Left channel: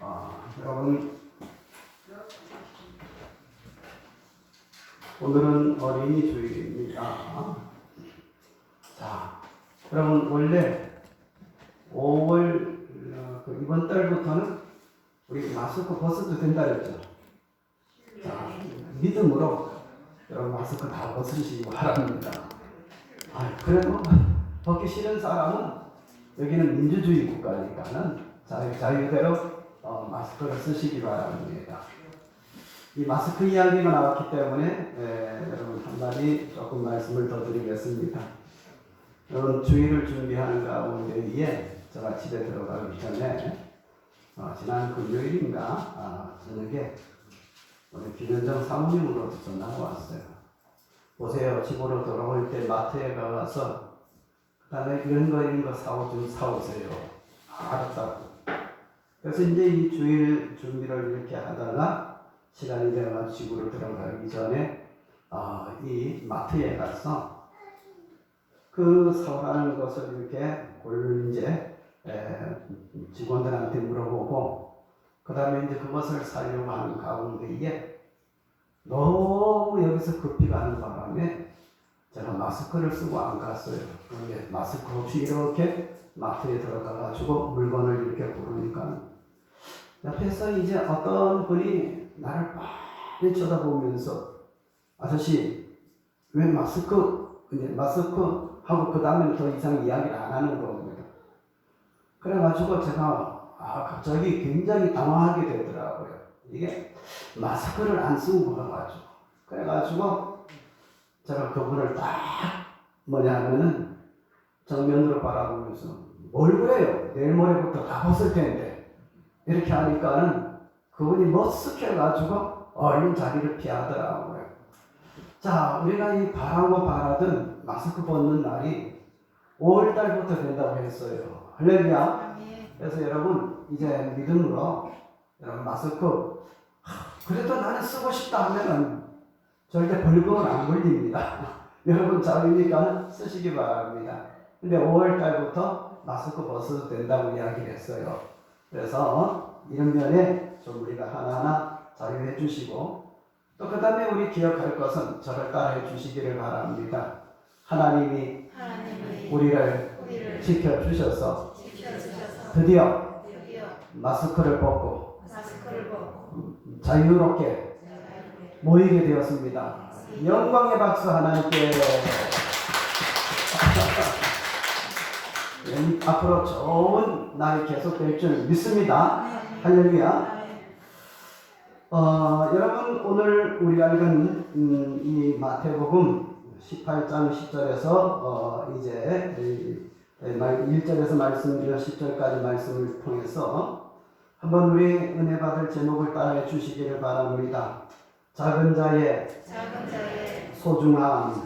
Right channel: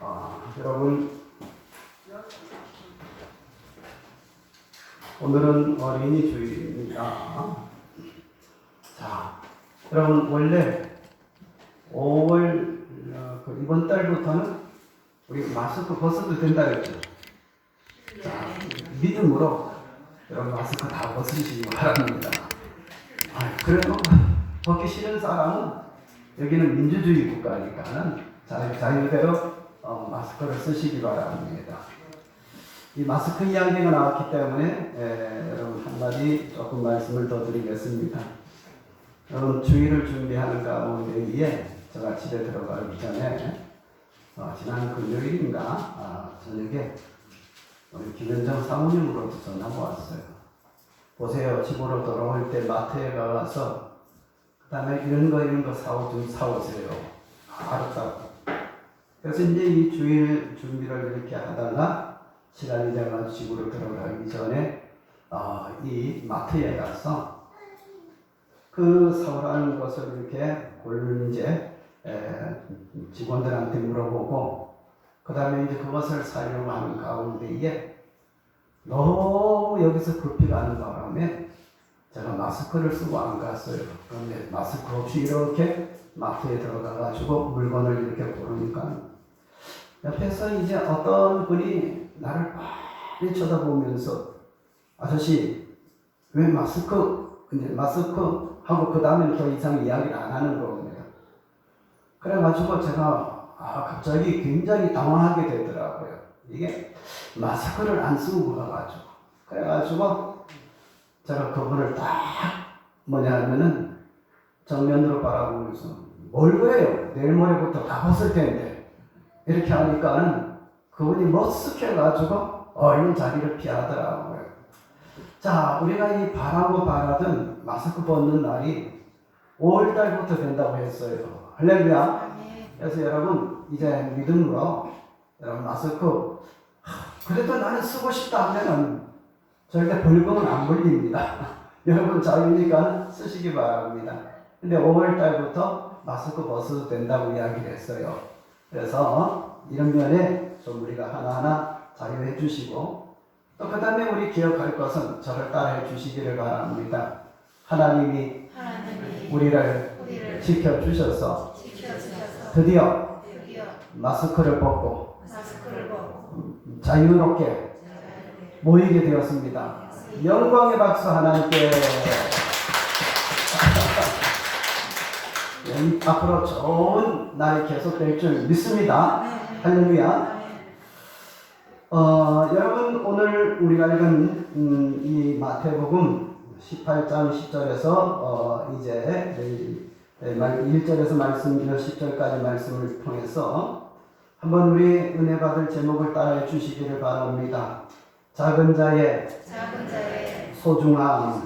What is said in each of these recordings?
여러분, 오늘은 어린이 주일입니다. 자, 여러분, 원래 5월 이번 달부터는 우리 마스크 벗어도 된다 그랬죠. 자, 믿음으로 여러분 마스크 다 벗으시기 바랍니다. 그래도 벗기 싫은 사람은, 여기는 민주주의 국가니까는 자유대로 마스크를 쓰시기 바랍니다. 이 마스크 이야기가 나왔기 때문에 여러분 한마디 조금 말씀을 더 드리겠습니다. 여러분, 주일을 준비하는 가운데에 제가 집에 들어가기 전에 지난 금요일인가 저녁에 우리 김현정 사모님으로부터 전화가 왔어요. 보세요, 집으로 돌아올 때 마트에 가서 그 다음에 이런 거 좀 사오세요. 알았다고. 그래서 이제 이 주일 준비를 이렇게 하다가 시간이 되어서 집으로 들어가기 전에 이 마트에 가서 그 사오라는 것을 이렇게 이제 직원들한테 물어보고, 그 다음에 이제 그것을 사려고 하는 가운데에 너무 여기서 급히 가는 바람에 제가 마스크를 쓰고 안 갔어요. 그런데 마스크 없이 이렇게 마트에 들어가가지고 물건을 이렇게 고르니까 옆에서 이제 어떤 분이 나를 많이 쳐다보면서, 아저씨 왜 마스크 하고 그 다음에는 더 이상 이야기를 안 하는 겁니다. 그래가지고 제가 갑자기 굉장히 당황하게 되더라고요. 이게 마스크를 안 쓰고 가가지고. 그래가지고 제가 그분을 딱 하면은 정면으로 바라보면서 뭘 그래요? 내일 모레부터 다 벗을 텐데. 이렇게 하니까는 그분이 머쓱해가지고 얼른 자리를 피하더라고요. 자, 우리가 이 바라고 바라던 마스크 벗는 날이 5월달부터 된다고 했어요. 할렐루야. 그래서 여러분, 이제 믿음으로 여러분 마스크 그래도 나는 쓰고 싶다 하면은 절대 벌금은 안 걸립니다. 여러분 자유니까 쓰시기 바랍니다. 근데 5월달부터 마스크 벗어도 된다고 이야기를 했어요. 그래서 이런 면에 좀 우리가 하나하나 자유해 주시고, 또 그 다음에 우리 기억할 것은 저를 따라해 주시기를 바랍니다. 하나님이 우리를 지켜주셔서 드디어 마스크를 벗고 자유롭게 모이게 되었습니다. 영광의 박수 하나님께. 앞으로 좋은 날이 계속될 줄 믿습니다. 할렐루야. 여러분, 오늘 우리가 읽은 이 마태복음 18장 10절에서 이제 1절에서 말씀 10절까지 말씀을 통해서 한번 우리 은혜 받을 제목을 따라해 주시기를 바랍니다. 작은 자의 소중함.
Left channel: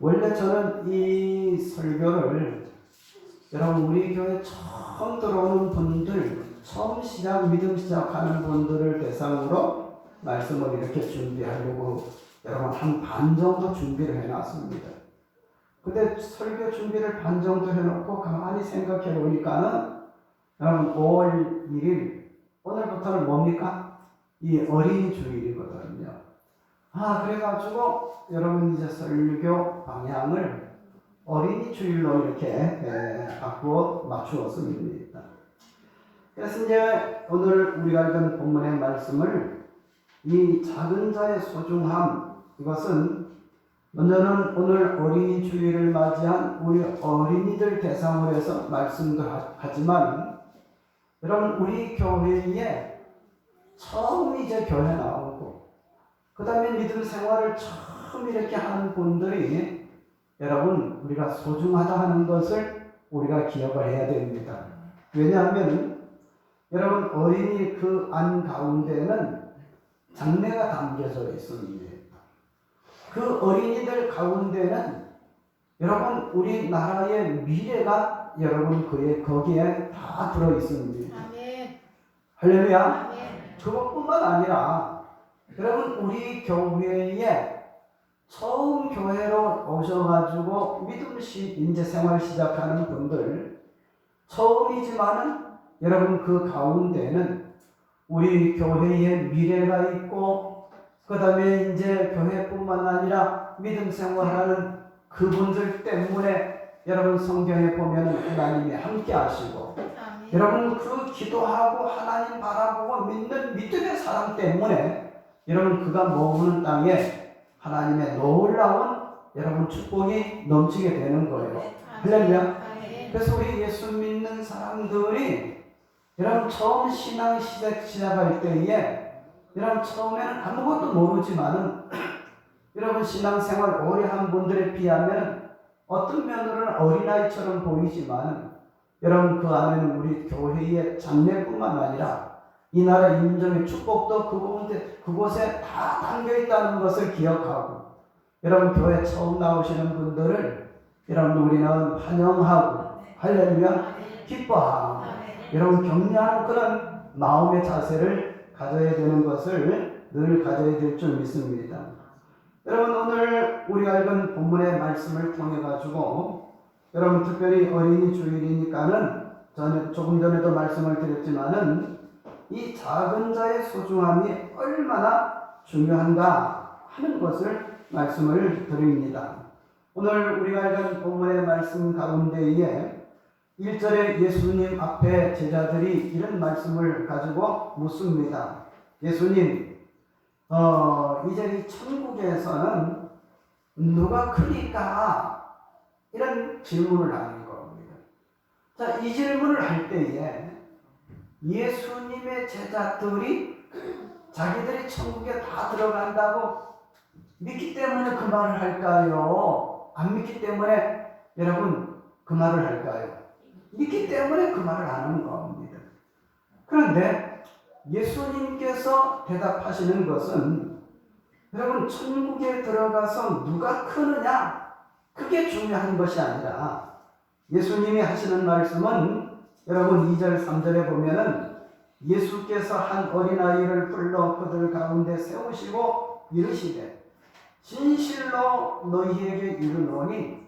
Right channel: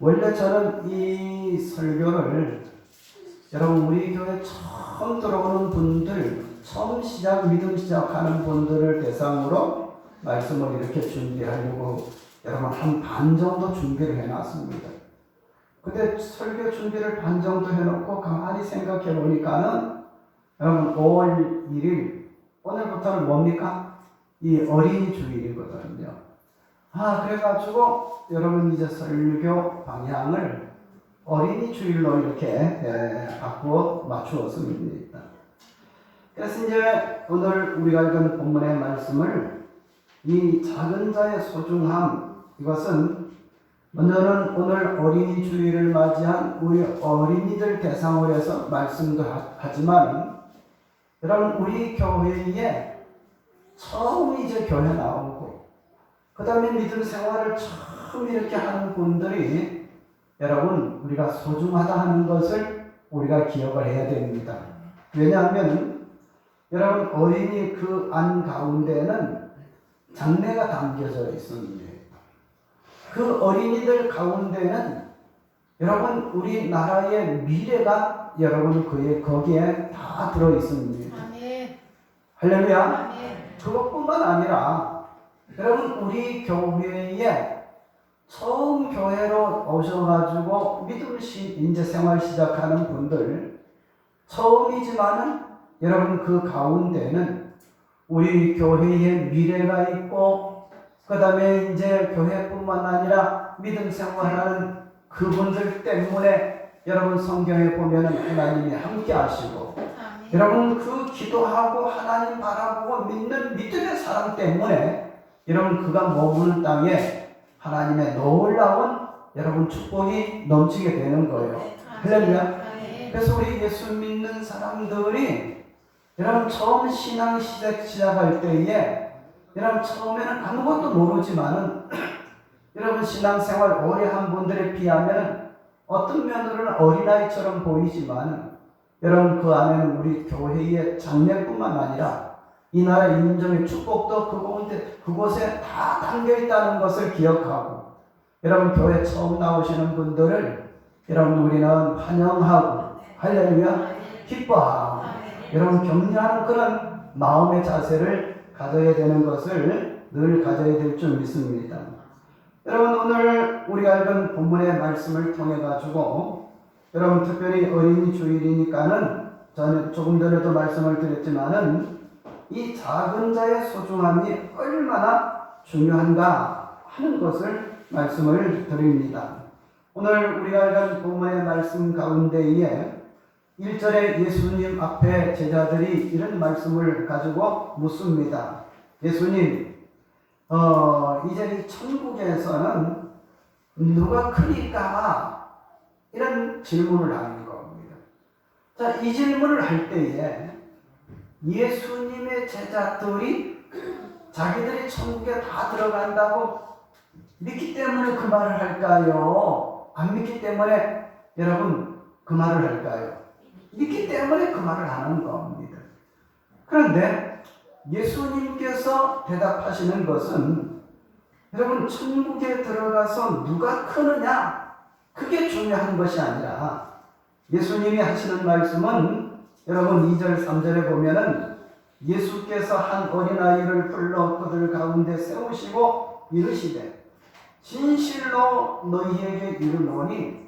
원래 저는 이 설교를 여러분, 우리 교회 처음 들어오는 분들, 처음 믿음 시작하는 분들을 대상으로 말씀을 이렇게 준비하려고 여러분 한 반 정도 준비를 해놨습니다. 근데 설교 준비를 반 정도 해놓고 가만히 생각해 보니까는 여러분 5월 1일 오늘부터는 뭡니까? 이 어린이 주일이거든요. 그래가지고 여러분 이제 설교 방향을 어린이 주일로 이렇게 바꾸어 맞추었습니다. 그래서 이제 오늘 우리가 읽은 본문의 말씀을, 이 작은 자의 소중함, 이것은 먼저는 오늘 어린이 주일을 맞이한 우리 어린이들 대상으로 해서 말씀도 하지만, 여러분 우리 교회에 처음 이제 교회 나오고 그 다음에 믿음 생활을 처음 이렇게 하는 분들이 여러분 우리가 소중하다 하는 것을 우리가 기억을 해야 됩니다. 왜냐하면 여러분 어린이 그 안 가운데는 장래가 담겨져 있습니다. 그 어린이들 가운데는 여러분 우리나라의 미래가 여러분 거기에 다 들어 있습니다. 할렐루야. 그것뿐만 아니라 여러분 우리 교회에 처음 교회로 오셔가지고 믿음 이제 생활 시작하는 분들, 처음이지만은 여러분 그 가운데는 우리 교회의 미래가 있고 그 다음에 이제 교회뿐만 아니라 믿음 생활하는 그분들 때문에 여러분 성경에 보면 하나님이 함께 하시고 여러분 그 기도하고 하나님 바라보고 믿는 믿음의 사람 때문에 여러분 그가 머무는 땅에 하나님의 놀라운 여러분 축복이 넘치게 되는 거예요. 할렐루야. 그래서 우리 예수 믿는 사람들이 여러분 처음 신앙 시작할 때에 여러분 처음에는 아무것도 모르지만은 여러분 신앙생활 오래 한 분들에 비하면 어떤 면으로는 어린아이처럼 보이지만 여러분 그 안에는 우리 교회의 장래뿐만 아니라 이 나라 인정의 축복도 그곳에 다 담겨 있다는 것을 기억하고 여러분 교회 처음 나오시는 분들을 여러분 우리는 환영하고 할렐루야 기뻐하고 여러분 격려하는 그런 마음의 자세를 가져야 되는 것을 늘 가져야 될 줄 믿습니다. 여러분 오늘 우리가 읽은 본문의 말씀을 통해 가지고 여러분 특별히 어린이 주일이니까는 저는 조금 전에도 말씀을 드렸지만은 이 작은 자의 소중함이 얼마나 중요한가 하는 것을 말씀을 드립니다. 오늘 우리가 읽은 본문의 말씀 가운데에 1절에 예수님 앞에 제자들이 이런 말씀을 가지고 묻습니다. 예수님, 이제 이 천국에서는 누가 크니까? 이런 질문을 하는 겁니다. 자, 이 질문을 할 때에 예수님의 제자들이 자기들이 천국에 다 들어간다고 믿기 때문에 그 말을 할까요? 안 믿기 때문에 여러분 그 말을 할까요? 믿기 때문에 그 말을 하는 겁니다. 그런데 예수님께서 대답하시는 것은 여러분 천국에 들어가서 누가 크느냐 그게 중요한 것이 아니라 예수님이 하시는 말씀은 여러분 2절 3절에 보면은 예수께서 한 어린아이를 불러 그들 가운데 세우시고 이르시되 진실로 너희에게 이르노니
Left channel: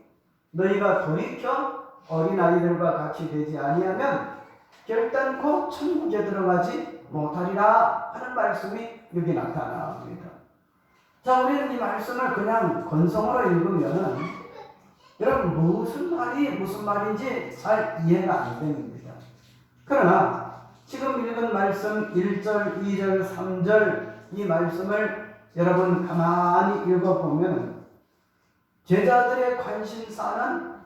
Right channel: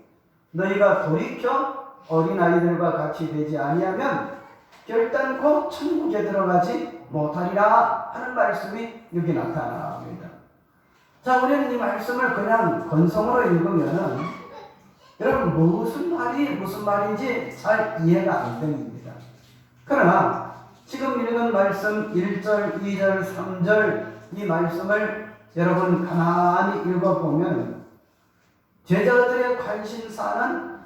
너희가 돌이켜 어린아이들과 같이 되지 아니하면 결단코 천국에 들어가지 못하리라 하는 말씀이 여기 나타납니다. 자, 우리는 이 말씀을 그냥 건성으로 읽으면은 여러분 무슨 말인지 잘 이해가 안 됩니다. 그러나 지금 읽은 말씀 1절, 2절, 3절 이 말씀을 여러분 가만히 읽어보면 제자들의 관심사는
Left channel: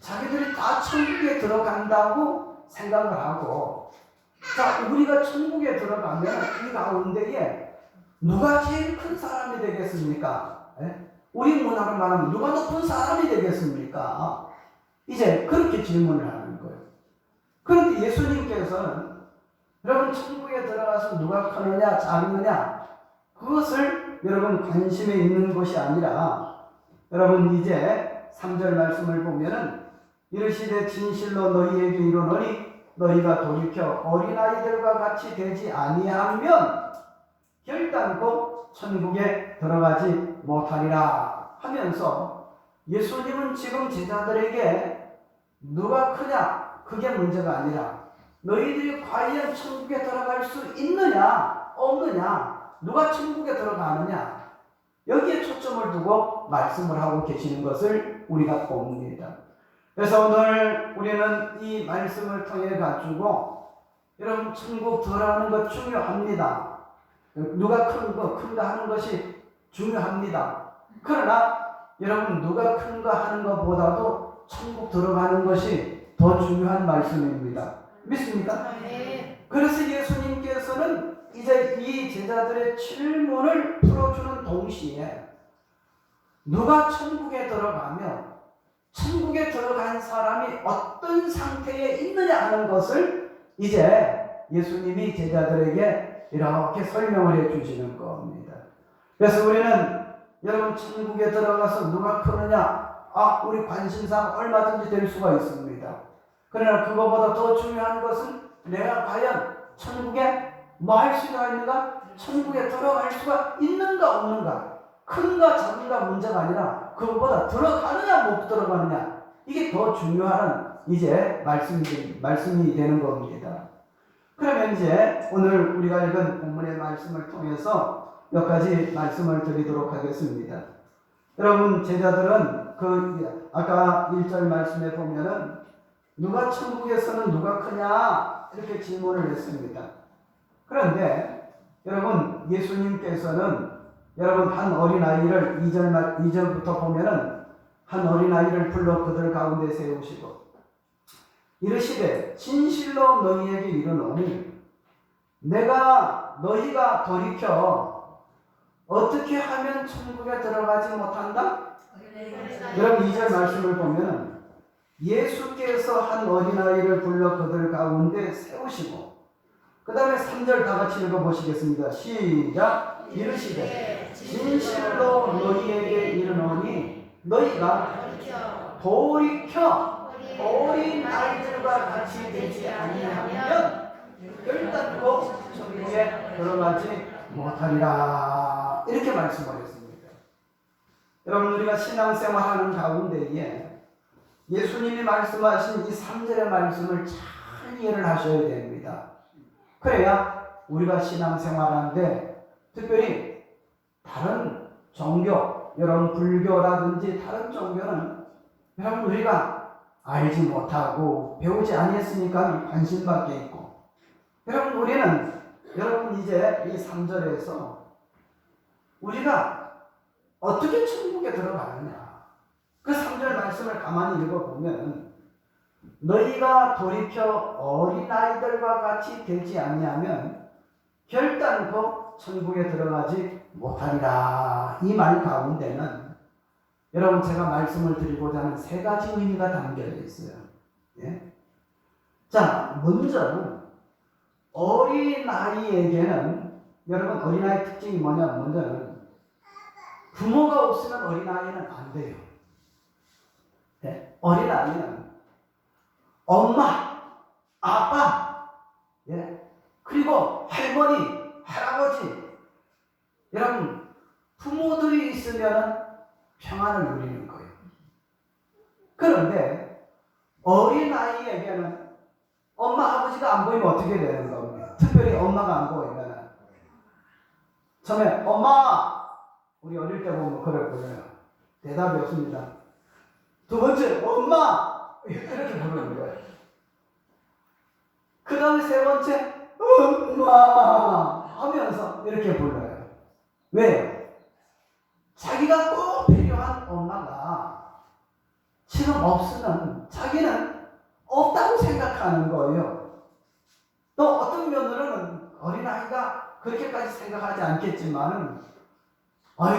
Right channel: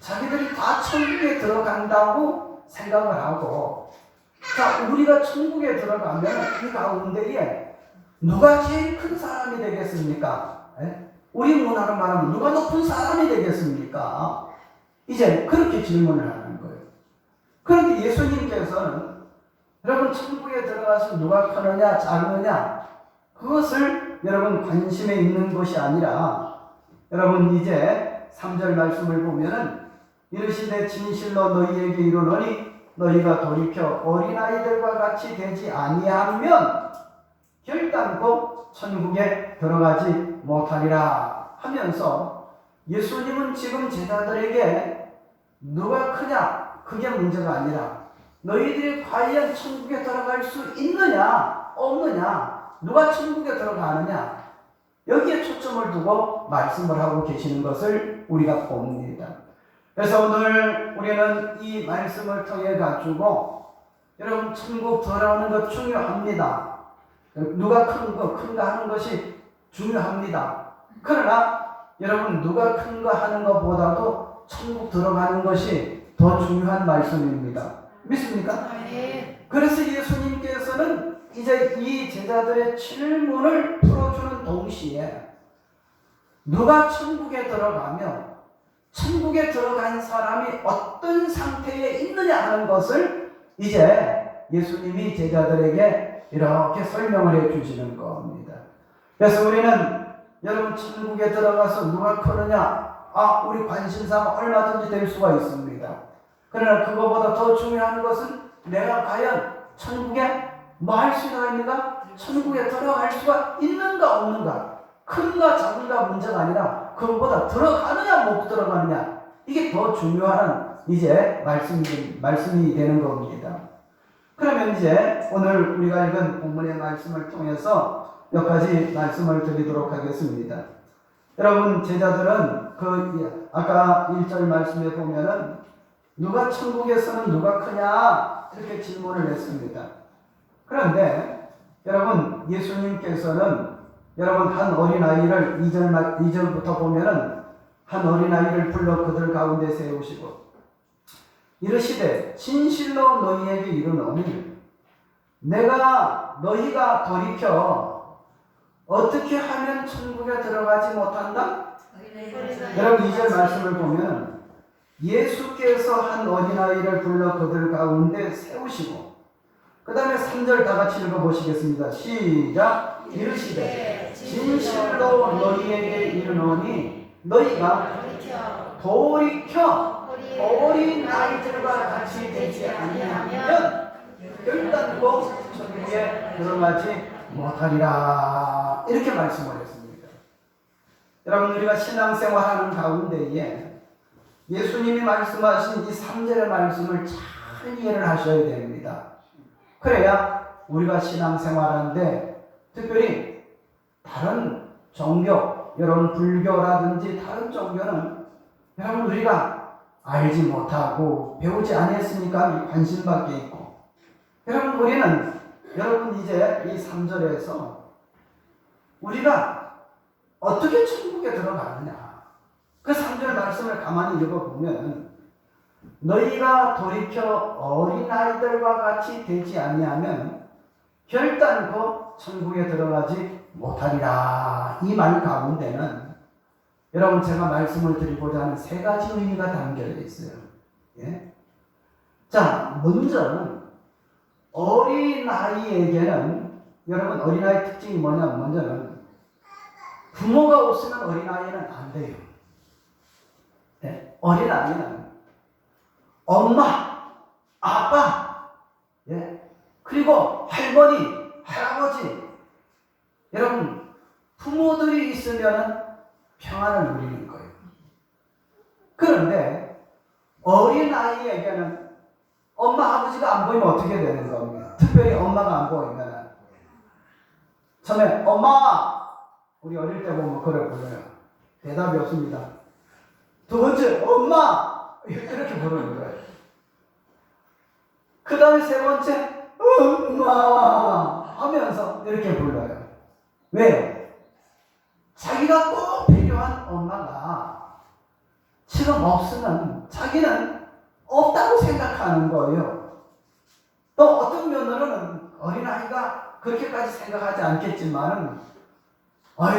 자기들이 다 천국에 들어간다고 생각을 하고 자 우리가 천국에 들어가면 이 가운데에 누가 제일 큰 사람이 되겠습니까? 우리 문화로 말하면 누가 높은 사람이 되겠습니까? 이제 그렇게 질문을 하는 거예요. 그런데 예수님께서는 여러분 천국에 들어가서 누가 크느냐 작느냐 그것을 여러분 관심에 있는 것이 아니라 여러분 이제 3절 말씀을 보면은 이르시되 진실로 너희에게 이르노니 너희가 돌이켜 어린아이들과 같이 되지 아니하면 결단코 천국에 들어가지 못하리라 하면서 예수님은 지금 제자들에게 누가 크냐 그게 문제가 아니라 너희들이 과연 천국에 들어갈 수 있느냐 없느냐 누가 천국에 들어가느냐 여기에 초점을 두고 말씀을 하고 계시는 것을 우리가 봅니다. 그래서 오늘 우리는 이 말씀을 통해 가지고 여러분 천국 들어가는 것 중요합니다. 누가 큰가 하는 것이 중요합니다. 그러나 여러분 누가 큰가 하는 것보다도 천국 들어가는 것이 더 중요한 말씀입니다. 믿습니까? 네. 그래서 예수님께서는 이제 이 제자들의 질문을 풀어주는 동시에 누가 천국에 들어가면 천국에 들어간 사람이 어떤 상태에 있느냐 하는 것을 이제 예수님이 제자들에게 이렇게 설명을 해 주시는 겁니다. 그래서 우리는 여러분 천국에 들어가서 누가 크느냐 우리 관심사가 얼마든지 될 수가 있습니다. 그러나 그거보다 더 중요한 것은 내가 과연 천국에 뭐 할 수가 있는가? 천국에 들어갈 수가 있는가 없는가? 큰가 작은가 문제가 아니라 그것보다 들어가느냐 못 들어가느냐 이게 더 중요한 이제 말씀이 되는 겁니다. 그러면 이제 오늘 우리가 읽은 본문의 말씀을 통해서 몇 가지 말씀을 드리도록 하겠습니다. 여러분, 제자들은 아까 1절 말씀에 보면은 누가 천국에서는 누가 크냐 이렇게 질문을 했습니다. 그런데 여러분, 예수님께서는 여러분 한 어린아이를 2절부터 보면은 한 어린아이를 불러 그들 가운데 세우시고 이르시되 진실로 너희에게 이르노니 내가 너희가 돌이켜 어떻게 하면 천국에 들어가지 못한다? 여러분 2절 말씀을 보면 예수께서 한 어린아이를 불러 그들 가운데 세우시고 그 다음에 3절 다 같이 읽어보시겠습니다. 시작. 이르시되 진실로 너희에게 이르노니 너희가 돌이켜 어린 아이들과 같이 되지 아니하면 결단코 천국에 들어가지 못하리라 이렇게 말씀을 했습니다. 여러분, 우리가 신앙생활하는 가운데에 예수님이 말씀하신 이 3절의 말씀을 잘 이해를 하셔야 됩니다. 그래야 우리가 신앙생활하는데 특별히 다른 종교, 여러분 불교라든지 다른 종교는 여러분 우리가 알지 못하고 배우지 아니했으니까 관심밖에 있고, 여러분 우리는 여러분 이제 이 3절에서 우리가 어떻게 천국에 들어가느냐 그 3절 말씀을 가만히 읽어보면 너희가 돌이켜 어린아이들과 같이 되지 아니하면 결단코 천국에 들어가지 못하리라. 이 말 가운데는 여러분 제가 말씀을 드리고자 하는 세 가지 의미가 담겨 있어요. 예? 자, 먼저는 어린아이에게는 여러분 어린아이 특징이 뭐냐면 먼저는 부모가 없으면 어린아이는 안 돼요. 예? 어린아이는 엄마, 아빠, 예? 그리고 할머니, 할아버지, 여러분 부모들이 있으면 평안을 누리는 거예요. 그런데 어린아이에게는 엄마, 아버지가 안 보이면 어떻게 되는 겁니까? 특별히 엄마가 안 보이면 처음에 엄마, 우리 어릴 때 보면 그래 부르요. 대답이 없습니다. 두 번째 엄마 이렇게 부르는 거예요. 그 다음에 세 번째 엄마 하면서 이렇게 불러요. 왜요? 자기가 꼭 필요한 엄마가 지금 없으면 자기는 없다고 생각하는 거예요. 또 어떤 면으로는 어린아이가 그렇게까지 생각하지 않겠지만은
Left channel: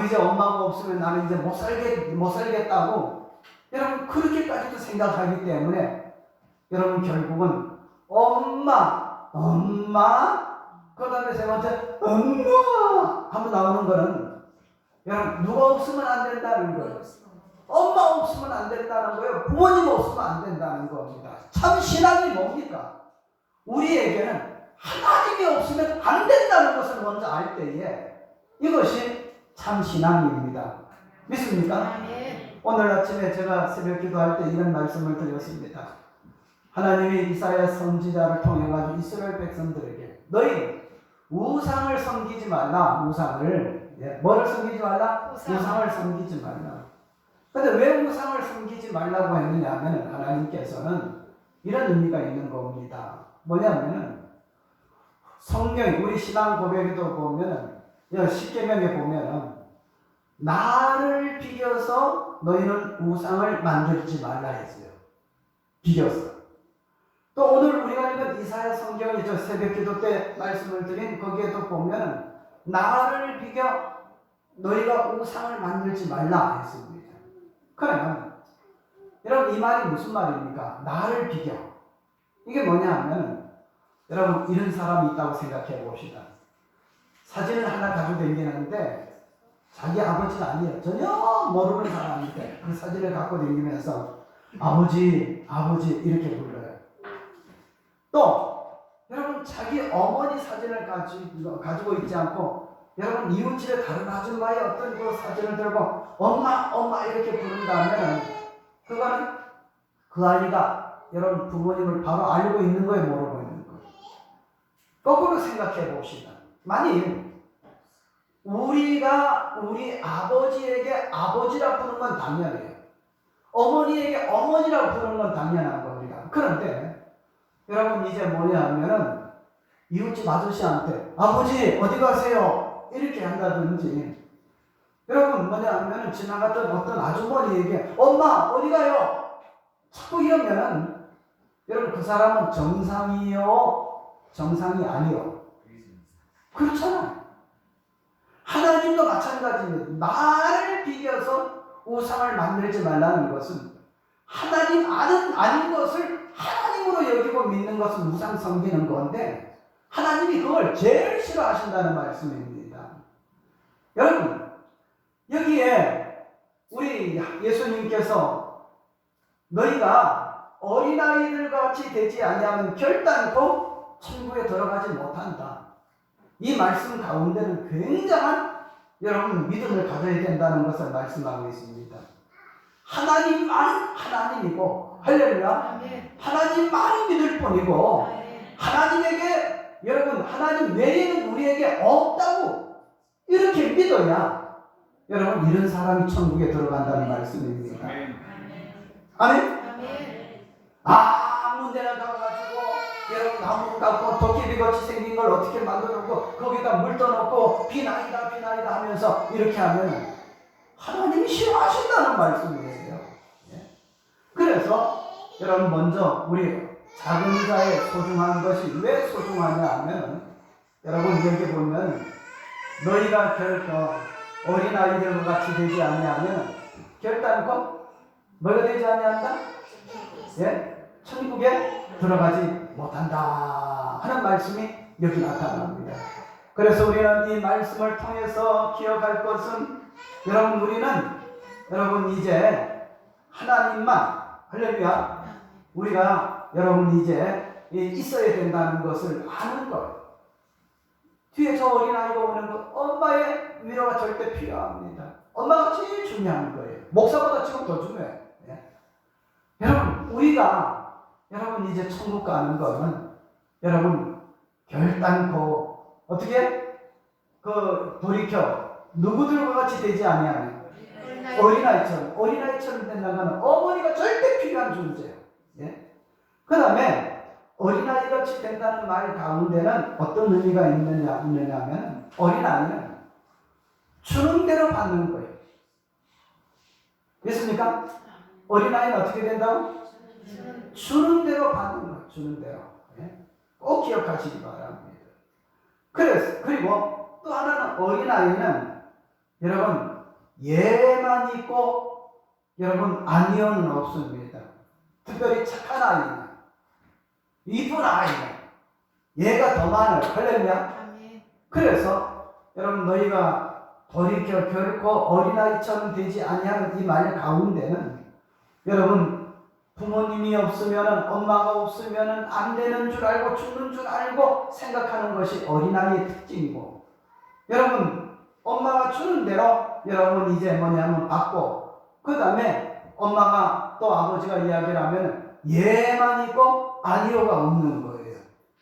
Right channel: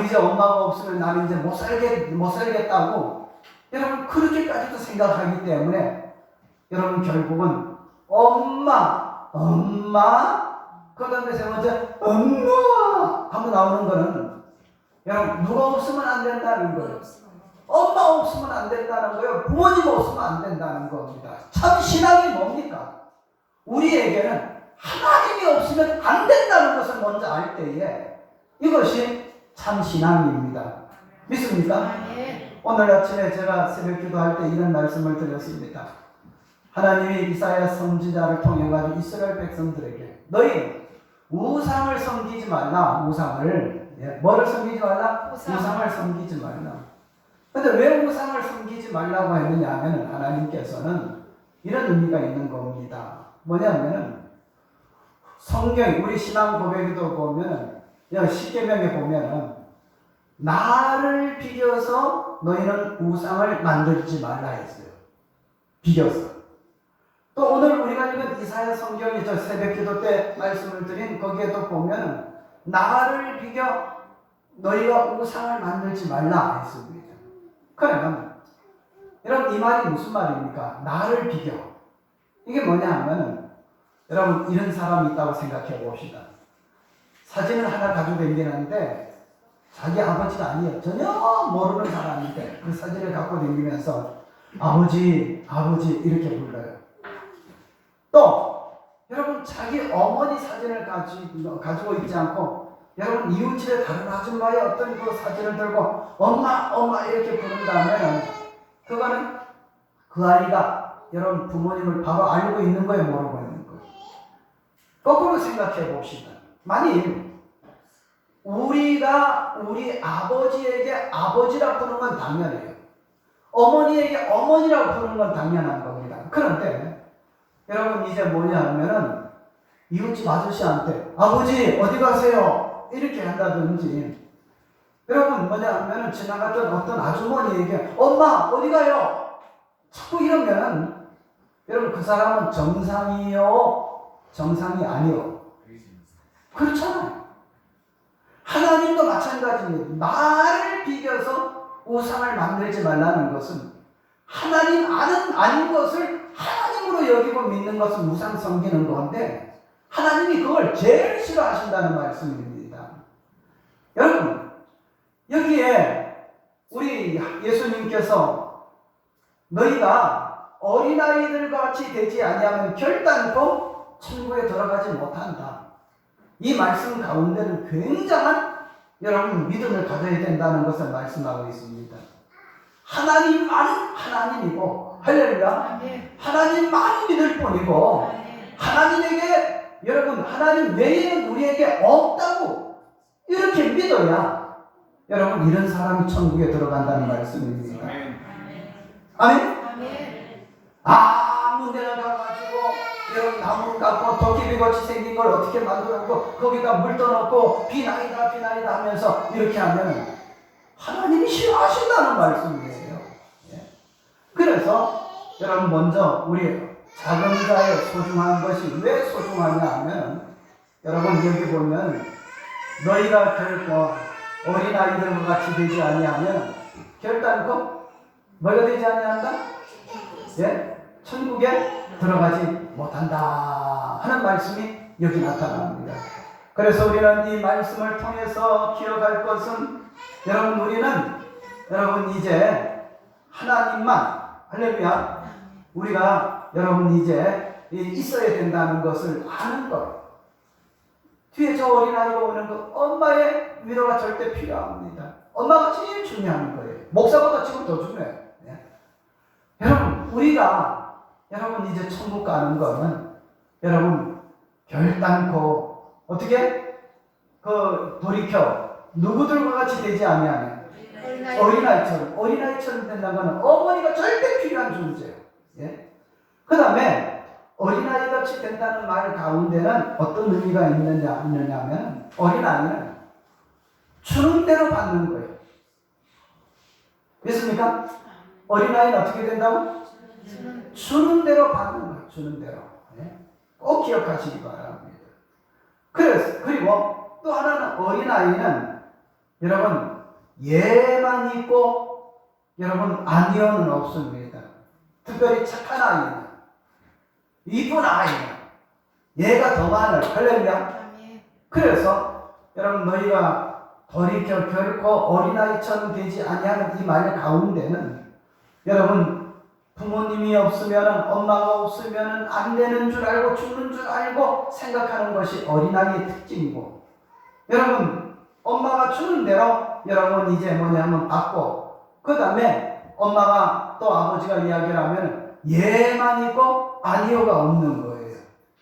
이제 엄마가 없으면 나는 이제 못 살겠다고 여러분 그렇게까지도 생각하기 때문에 여러분 결국은 엄마 그 다음에 세 번째 엄마 하고 나오는 거는 여러분 누가 없으면 안 된다는 거예요. 엄마 없으면 안 된다는 거예요. 부모님 없으면 안 된다는 겁니다. 참 신앙이 뭡니까? 우리에게는 하나님이 없으면 안 된다는 것을 먼저 알 때에 이것이 참 신앙입니다. 믿습니까? 오늘 아침에 제가 새벽 기도할 때 이런 말씀을 드렸습니다. 하나님이 이사야 선지자를 통해 가지고 이스라엘 백성들에게 너희 우상을 섬기지 말라. 우상을 뭐를 섬기지 말라? 우상을 섬기지 말라. 그런데 왜 우상을 섬기지 말라고 했느냐 하면 하나님께서는 이런 의미가 있는 겁니다. 뭐냐면은 성경 우리 신앙 고백에도 보면 십계명에 보면은 나를 비교서 너희는 우상을 만들지 말라 했어요. 비교서. 또 오늘 우리가 읽은 이사야 성경에 저 새벽 기도 때 말씀을 드린 거기에도 보면 나를 비교 너희가 우상을 만들지 말라 했습니다. 그러면 여러분 이 말이 무슨 말입니까? 나를 비교. 이게 뭐냐 하면 여러분 이런 사람이 있다고 생각해 봅시다. 사진을 하나 가지고 다니는데 자기 아버지가 아니에요. 전혀 모르는 사람인데 그 사진을 갖고 다니면서 아버지 이렇게 불러요. 또 여러분 자기 어머니 사진을 가지고 있지 않고 여러분 이웃집의 다른 아줌마의 어떤 그 사진을 들고 엄마 이렇게 부른다면 그거는 그 아이가 여러분 부모님을 바로 알고 있는 거예요, 모르고 있는 거예요. 거꾸로 생각해 봅시다. 만일 우리가 우리 아버지에게 아버지라 부르는 건 당연해요. 어머니에게 어머니라고 부르는 건 당연한 겁니다. 그런데 여러분 이제 뭐냐 하면은 이웃집 아저씨한테 아버지 어디 가세요? 이렇게 한다든지, 여러분 뭐냐 하면은 지나갔던 어떤 아주머니에게 엄마 어디 가요? 자꾸 이러면은 여러분 그 사람은 정상이요? 정상이 아니요? 그렇잖아요. 하나님도 마찬가지입니다. 나를 비벼서 우상을 만들지 말라는 것은 하나님 아닌 것을 하나님으로 여기고 믿는 것은 우상 섬기는 건데 하나님이 그걸 제일 싫어하신다는 말씀입니다. 여러분 여기에 우리 예수님께서 너희가 어린아이들 같이 되지 아니하면 결단코 천국에 들어가지 못한다. 이 말씀 가운데는 굉장한 여러분 믿음을 가져야 된다는 것을 말씀하고 있습니다. 하나님만은 하나님이고, 할렐루야, 하나님만이 믿을 뿐이고, 하나님에게 여러분 하나님 외에는 우리에게 없다고 이렇게 믿어야 여러분 이런 사람이 천국에 들어간다는 말씀입니다. 아멘. 아무 데나 가가지고 여러분 나무 깎고 도깨비같이 생긴 걸 어떻게 만들었고 거기다 물 떠넣고 비나이다 하면서 이렇게 하면 하나님이 싫어하신다는 말씀이에요. 그래서 여러분 먼저 우리 작은 자의 소중한 것이 왜 소중하냐 하면 여러분 여기 보면 너희가 어린아이들과 같이 되지 아니하면 결단코 뭐가 되지 아니한다? 천국에 들어가지 못한다 하는 말씀이 여기 나타납니다. 그래서 우리는 이 말씀을 통해서 기억할 것은 여러분 이제 하나님만, 할렐루야, 우리가 여러분 이제 있어야 된다는 것을 아는 거예요. 뒤에 저 어린아이가 오는 것, 엄마의 위로가 절대 필요합니다. 엄마가 제일 중요한 거예요. 목사보다 지금 더 중요해요. 여러분 우리가 이제 천국 가는 거는 여러분 결단코 어떻게 돌이켜 누구들과 같이 되지 아니하면 어린아이처럼 된다는 것은 어머니가 절대 필요한 존재예요. 그 다음에 어린아이 같이 된다는 말 가운데는 어떤 의미가 있느냐 하면 어린아이는 주는 대로 받는 거예요. 믿습니까? 어린아이는 어떻게 된다고? 주는 대로 받는 거예요. 주는 대로. 꼭 기억하시기 바랍니다. 그리고 또 하나는 어린아이는 여러분 예만 있고 여러분 아니요는 없습니다. 특별히 착한 아이는 이쁜 아이는 얘가 더 많아요. 할렐루야. 그래서 여러분 너희가 돌이켜 결코 어린아이처럼 되지 아니하는 이 말 가운데는 여러분 부모님이 없으면 엄마가 없으면 안 되는 줄 알고 죽는 줄 알고 생각하는 것이 어린아이의 특징이고, 여러분 엄마가 주는 대로 여러분 이제 뭐냐면 받고, 그 다음에 엄마가 또 아버지가 이야기를 하면 예만 있고 아니요가 없는 거예요.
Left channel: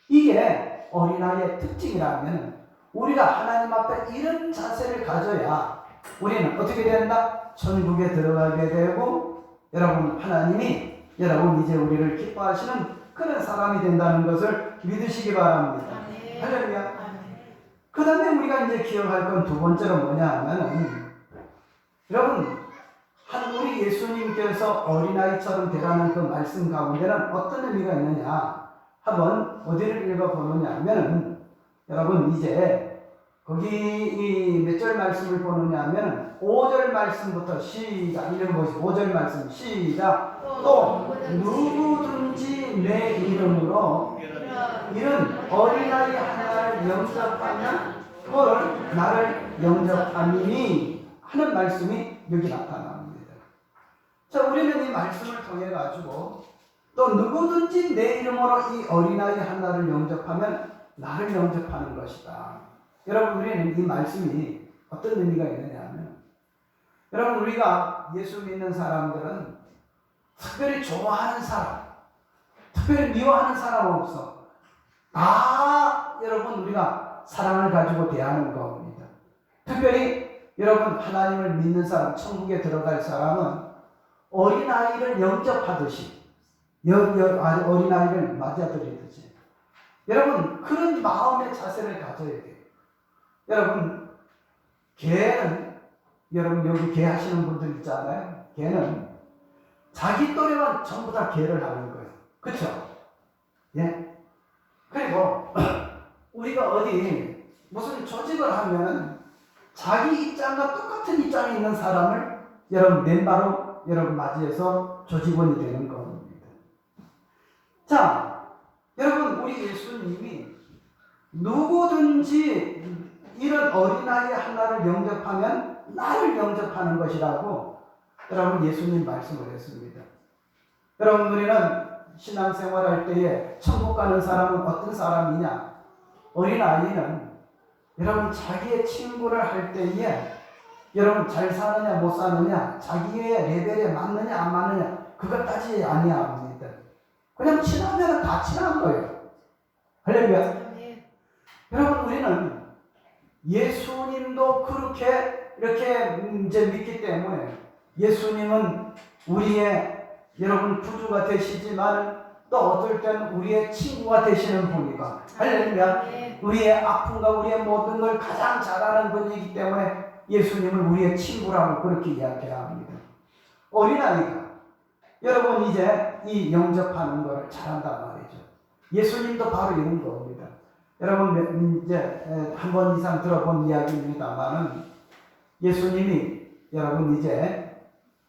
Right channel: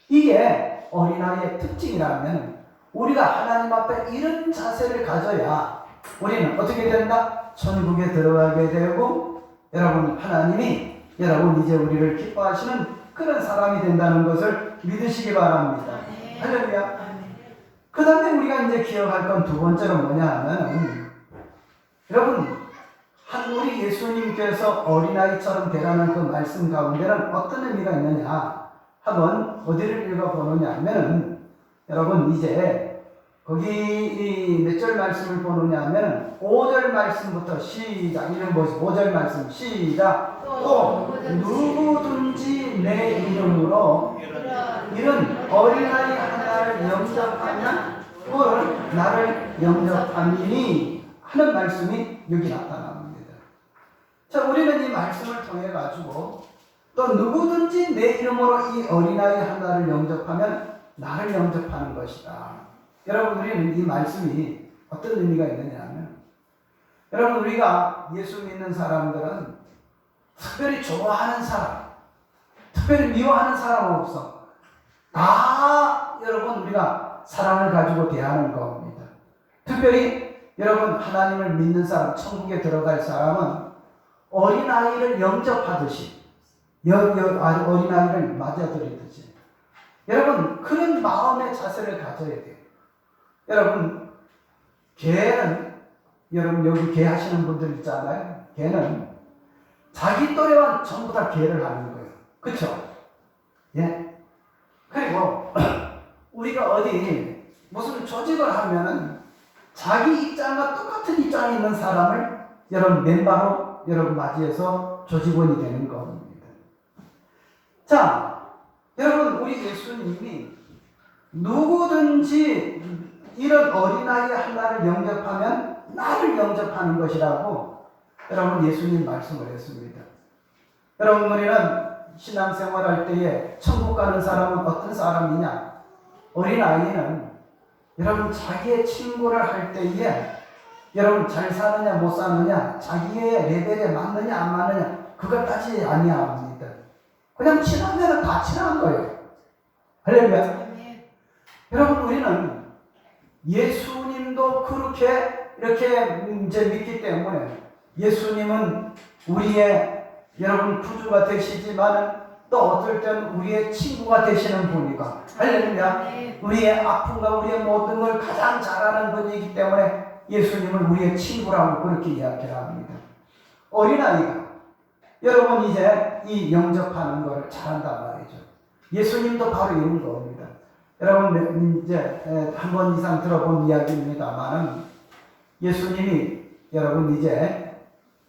이게 어린아이의 특징이라면 우리가 하나님 앞에 이런 자세를 가져야 우리는 어떻게 된다? 천국에 들어가게 되고 여러분 하나님이 여러분 이제 우리를 기뻐하시는 그런 사람이 된다는 것을 믿으시기 바랍니다. 할렐루야. 그 다음에 우리가 이제 기억할 건 두 번째로 뭐냐 하면 여러분 우리 예수님께서 어린아이처럼 되라는 그 말씀 가운데는 어떤 의미가 있느냐 한번 어디를 읽어보느냐 하면 여러분 이제 거기 몇 절 말씀을 보느냐 하면 5절 말씀부터 시작. 이름 보시죠. 5절 말씀 시작. 또 누구든지 내 이름으로 이런 어린아이 하나를 영접하면 그 나를 영접하니 하는 말씀이 여기 나타납니다. 자, 우리는 이 말씀을 통해 가지고 또 누구든지 내 이름으로 이 어린아이 하나를 영접하면 나를 영접하는 것이다. 여러분 우리는 이 말씀이 어떤 의미가 있느냐 하면 여러분 우리가 예수 믿는 사람들은 특별히 좋아하는 사람, 특별히 미워하는 사람 없어. 다 여러분 우리가 사랑을 가지고 대하는 겁니다. 특별히 여러분 하나님을 믿는 사람, 천국에 들어갈 사람은 어린아이를 영접하듯이 어린아이를 맞아들이듯이 여러분 그런 마음의 자세를 가져야 돼요. 여러분 개는 여러분 여기 개 하시는 분들 있잖아요. 개는 자기 또래와 전부 다 개를 하는 거예요. 그렇죠? 예. 그리고 우리가 어디 무슨 조직을 하면 자기 입장과 똑같은 입장에 있는 사람을 여러분 멤버로 여러분 맞이해서 조직원이 되는 겁니다. 자, 여러분 우리 예수님이 누구든지 이런 어린아이 하나를 영접하면 나를 영접하는 것이라고 여러분 예수님 말씀을 했습니다. 여러분 우리는 신앙생활 할 때에 천국 가는 사람은 어떤 사람이냐? 어린아이는 여러분 자기의 친구를 할 때에 여러분 잘 사느냐 못 사느냐 자기의 레벨에 맞느냐 안 맞느냐 그걸 따지지 아니합니다. 그냥 친하면 다 친한 거예요. 할렐루야. 여러분 우리는 예수님도 그렇게 이렇게 이제 믿기 때문에 예수님은 우리의 여러분 구주가 되시지만 또 어떨 때는 우리의 친구가 되시는 분이고 할렐루야. 우리의 아픔과 우리의 모든 걸 가장 잘 아는 분이기 때문에 예수님을 우리의 친구라고 그렇게 이야기합니다. 어린아이가 여러분 이제 이 영접하는 걸 잘한단 말이죠. 예수님도 바로 이런 겁니다. 여러분 이제 한 번 이상 들어본 이야기입니다만 예수님이 여러분 이제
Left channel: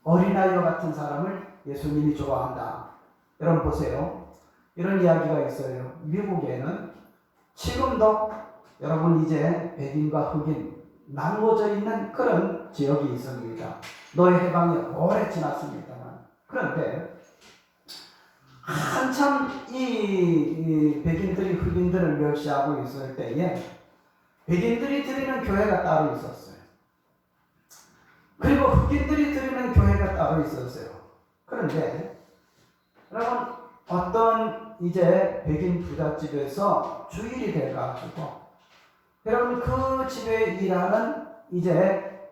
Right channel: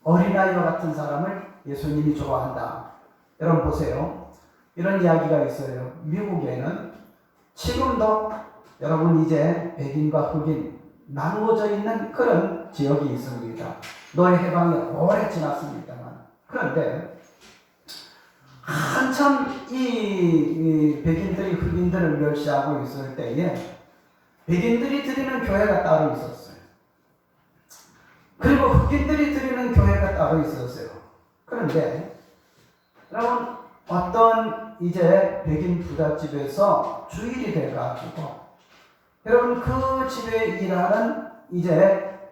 어린아이와 같은 사람을 예수님이 좋아한다. 여러분 보세요. 이런 이야기가 있어요. 미국에는 지금도 여러분 이제 백인과 흑인 나누어져 있는 그런 지역이 있습니다. 노예 해방이 오래 지났습니다만 그런데 한참 이 백인들이 흑인들을 멸시하고 있을 때에 백인들이 드리는 교회가 따로 있었어요. 그리고 흑인들이 드리는 교회가 따로 있었어요. 그런데 여러분 어떤 이제 백인 부잣집에서 주일이 돼가지고 여러분 그 집에 일하는 이제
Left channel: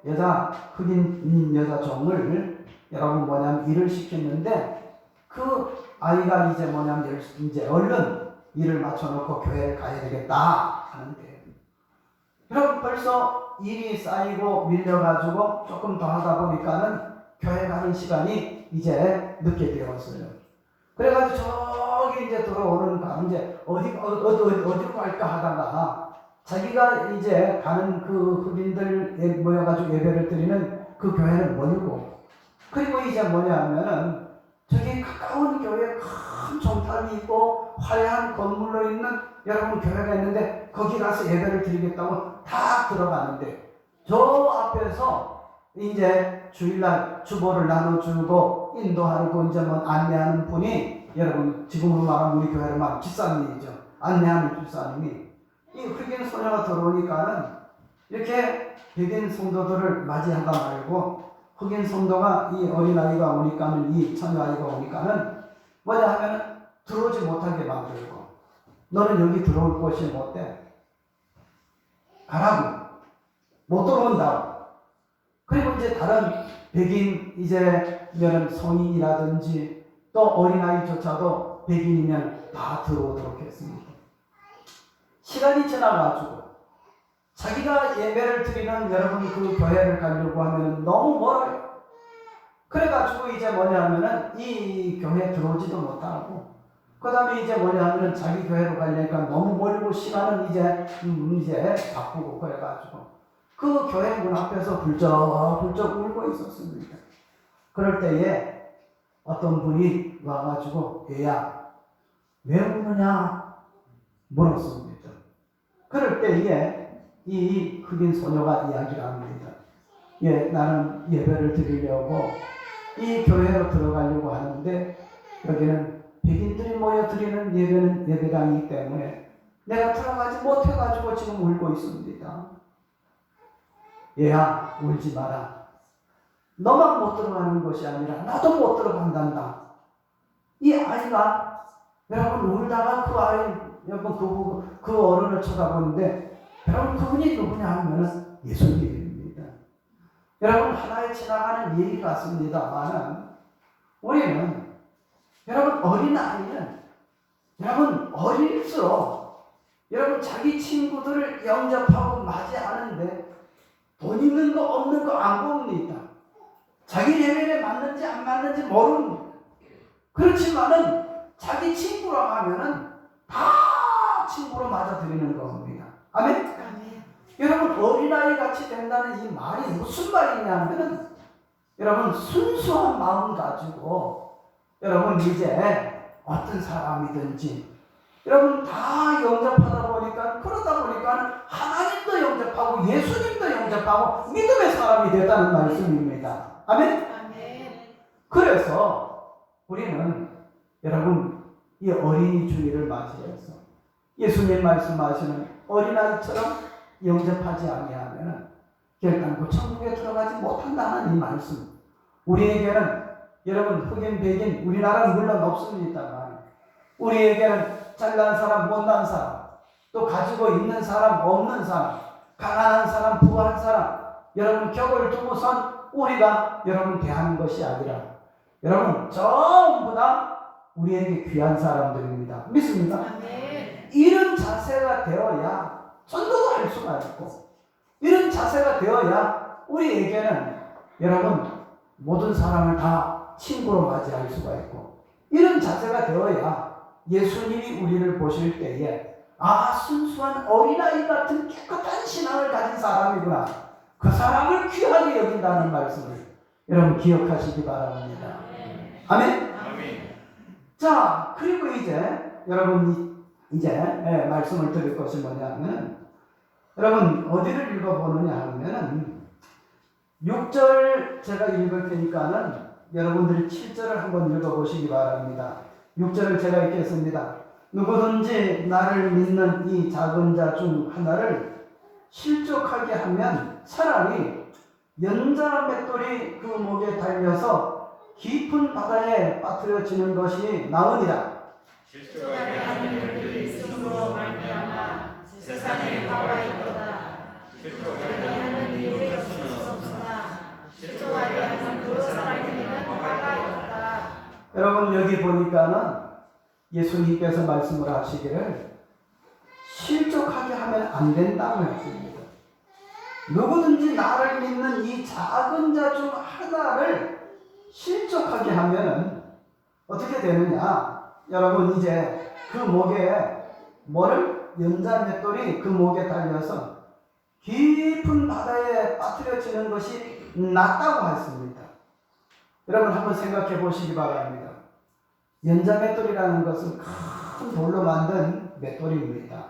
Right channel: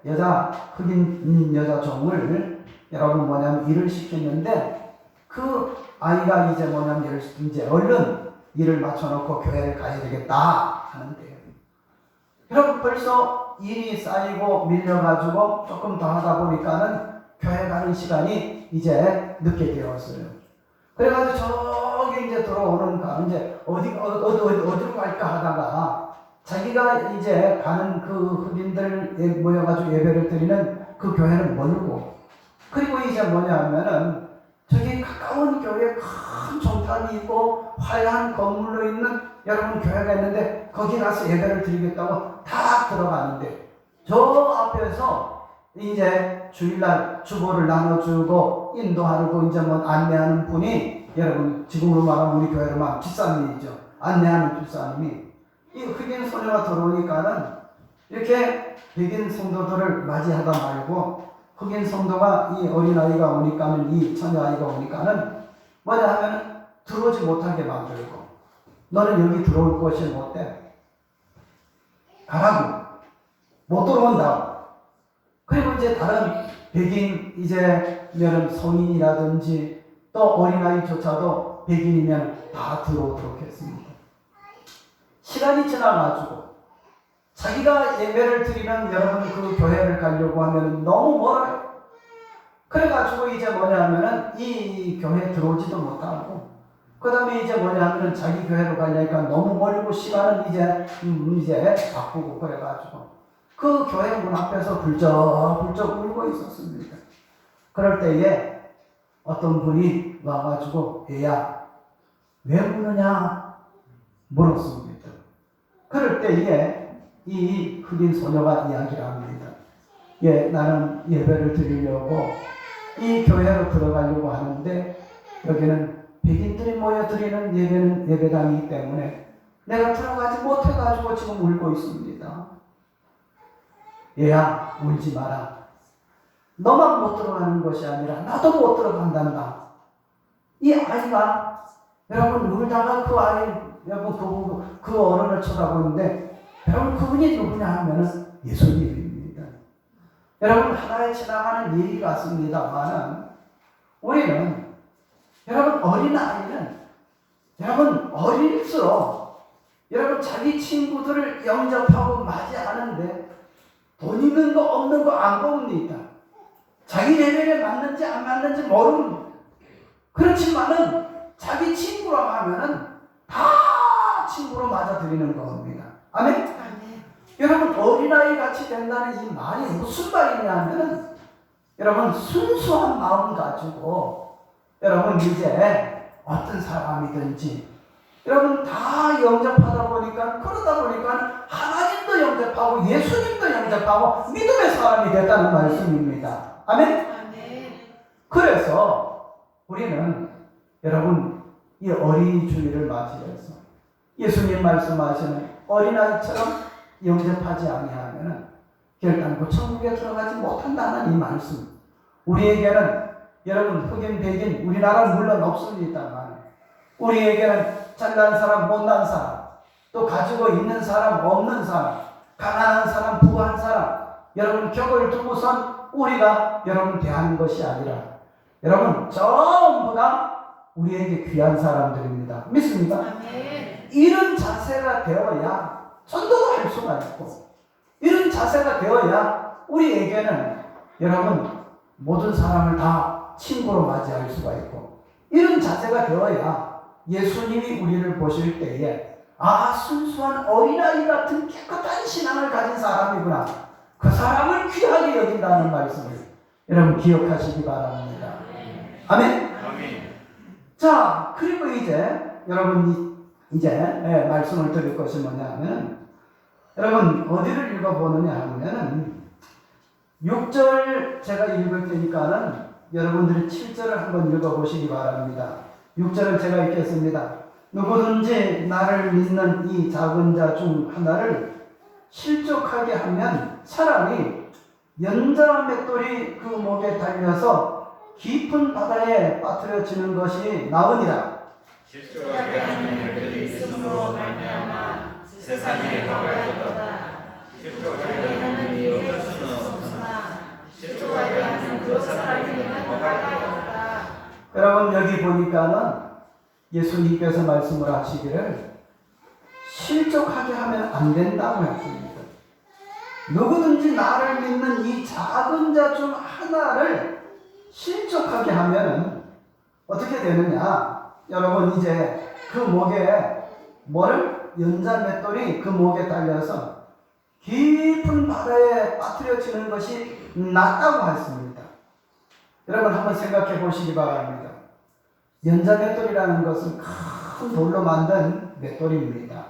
흑인 여자 종을 여러분 뭐냐면 일을 시키는데 그 아이가 이제 뭐냐면 이제 얼른 일을 맞춰놓고 교회를 가야 되겠다 하는데 여러분 벌써 일이 쌓이고 밀려가지고 조금 더 하다 보니까는 교회 가는 시간이 이제 늦게 되었어요. 그래가지고 저기 이제 들어오는 이제 어디로 갈까 하다가 자기가 이제 가는 그 흑인들 모여가지고 예배를 드리는 그 교회는 멀고 그리고 이제 뭐냐면은 저기 가까운 교회에 큰 종탑이 있고 화려한 건물로 있는 여러분 교회가 있는데 거기 가서 예배를 드리겠다고 다 들어가는데 저 앞에서 이제 주일날 주보를 나눠주고 인도하고 이제 뭐 안내하는 분이 여러분 지금으로 말하면 우리 교회로 말하면 집사님이죠. 안내하는 집사님이 이 흑인 소녀가 들어오니까는 이렇게 백인 성도들을 맞이하다 말고 흑인 성도가 이 어린아이가 오니까는 이 처녀아이가 오니까는 뭐냐 하면 들어오지 못하게 만들고 너는 여기 들어올 것이 못돼 가라고 못 들어온다고. 그리고 이제 다른 백인 이제 성인이라든지 또 어린아이조차도 백인이면 다 들어오도록 했습니다. 시간이 지나가지고 자기가 예배를 드리는 여러분 그 교회를 가려고 하면 너무 멀어요. 그래가지고 이제 뭐냐면은 이 교회에 들어오지도 못하고 그 다음에 이제 뭐냐면은 자기 교회로 가려니까 너무 멀고 시간은 이제 바꾸고 그래가지고 그 교회 문 앞에서 불쩍불쩍 울고 있었습니다. 그럴 때에 어떤 분이 와가지고 얘야 왜 우느냐 물었습니다. 그럴 때에 이 흑인 소녀가 이야기를 합니다. 예, 나는 예배를 드리려고 이 교회로 들어가려고 하는데 여기는 백인들이 모여 드리는 예배당이기 때문에 내가 들어가지 못해가지고 지금 울고 있습니다. 얘야 울지 마라. 너만 못 들어가는 것이 아니라 나도 못 들어간단다. 이 아이가 여러분 울다가 그 아이 여러분 그 어른을 쳐다보는데 여러분 그분이 누구냐 하면은 예수님입니다. 여러분 하나에 지나가는 얘기 같습니다만 우리는 여러분 어린아이는 여러분 어릴수록 여러분 자기 친구들을 영접하고 맞이하는데 돈 있는 거 없는 거 안 봅니다. 자기 레벨에 맞는지 안 맞는지 모릅니다. 그렇지만은 자기 친구라고 하면은 다 친구로 맞아들이는 겁니다. 아멘? 아멘. 여러분 어린아이 같이 된다는 이 말이 무슨 말이냐면은 여러분 순수한 마음 가지고 여러분 이제 어떤 사람이든지 여러분 다 영접하다 보니까 그러다 보니까 하나님도 영접하고 예수님도 영접하고 믿음의 사람이 됐다는 말씀입니다. 아멘? 아멘. 그래서 우리는 여러분 이 어린이 주일을 맞이해서 예수님 말씀하시는 어린아이처럼 영접하지 아니하면 결단코 천국에 들어가지 못한다는 이 말씀. 우리에게는 여러분 흑인 백인 우리나라는 물론 없습니다만 우리에게는 잘난 사람 못난 사람 또 가지고 있는 사람 없는 사람 가난한 사람 부한 사람 여러분 격을 두고선 우리가 여러분 대하는 것이 아니라 여러분 전부 다 우리에게 귀한 사람들입니다. 믿습니까? 네. 이런 자세가 되어야 전도도 할 수가 있고 이런 자세가 되어야 우리에게는 여러분 모든 사람을 다 친구로 맞이할 수가 있고 이런 자세가 되어야 예수님이 우리를 보실 때에 순수한 어린아이 같은 깨끗한 신앙을 가진 사람이구나. 그 사람을 귀하게 여긴다는 말씀을 여러분 기억하시기 바랍니다. 아멘? 아멘. 자, 그리고 이제 여러분 이제 말씀을 드릴 것이 뭐냐면 여러분 어디를 읽어보느냐 하면 6절 제가 읽을 테니까는 여러분들이 7절을 한번 읽어보시기 바랍니다. 6절을 제가 읽겠습니다. 누구든지 나를 믿는 이 작은 자 중 하나를 실족하게 하면 차라리 연자 맷돌이 그 목에 달려서 깊은 바다에 빠뜨려지는 것이 나으니라. 실족하게 하는 일들이 있음으로 말미암아 세상에 가까이었다. 실족하게 하는 일이 없으나 실족하게 하는 그 사람에게는 가까이었다. 여러분 여기 보니까는 예수님께서 말씀을 하시기를 실족하게 하면 안 된다고 했습니다. 누구든지 나를 믿는 이 작은 자 중 하나를 실족하게 하면 어떻게 되느냐? 여러분 이제 그 목에 연자 맷돌이 그 목에 달려서 깊은 바다에 빠뜨려지는 것이 낫다고 했습니다. 여러분 한번 생각해 보시기 바랍니다. 연자 맷돌이라는 것은 큰 돌로 만든 맷돌입니다.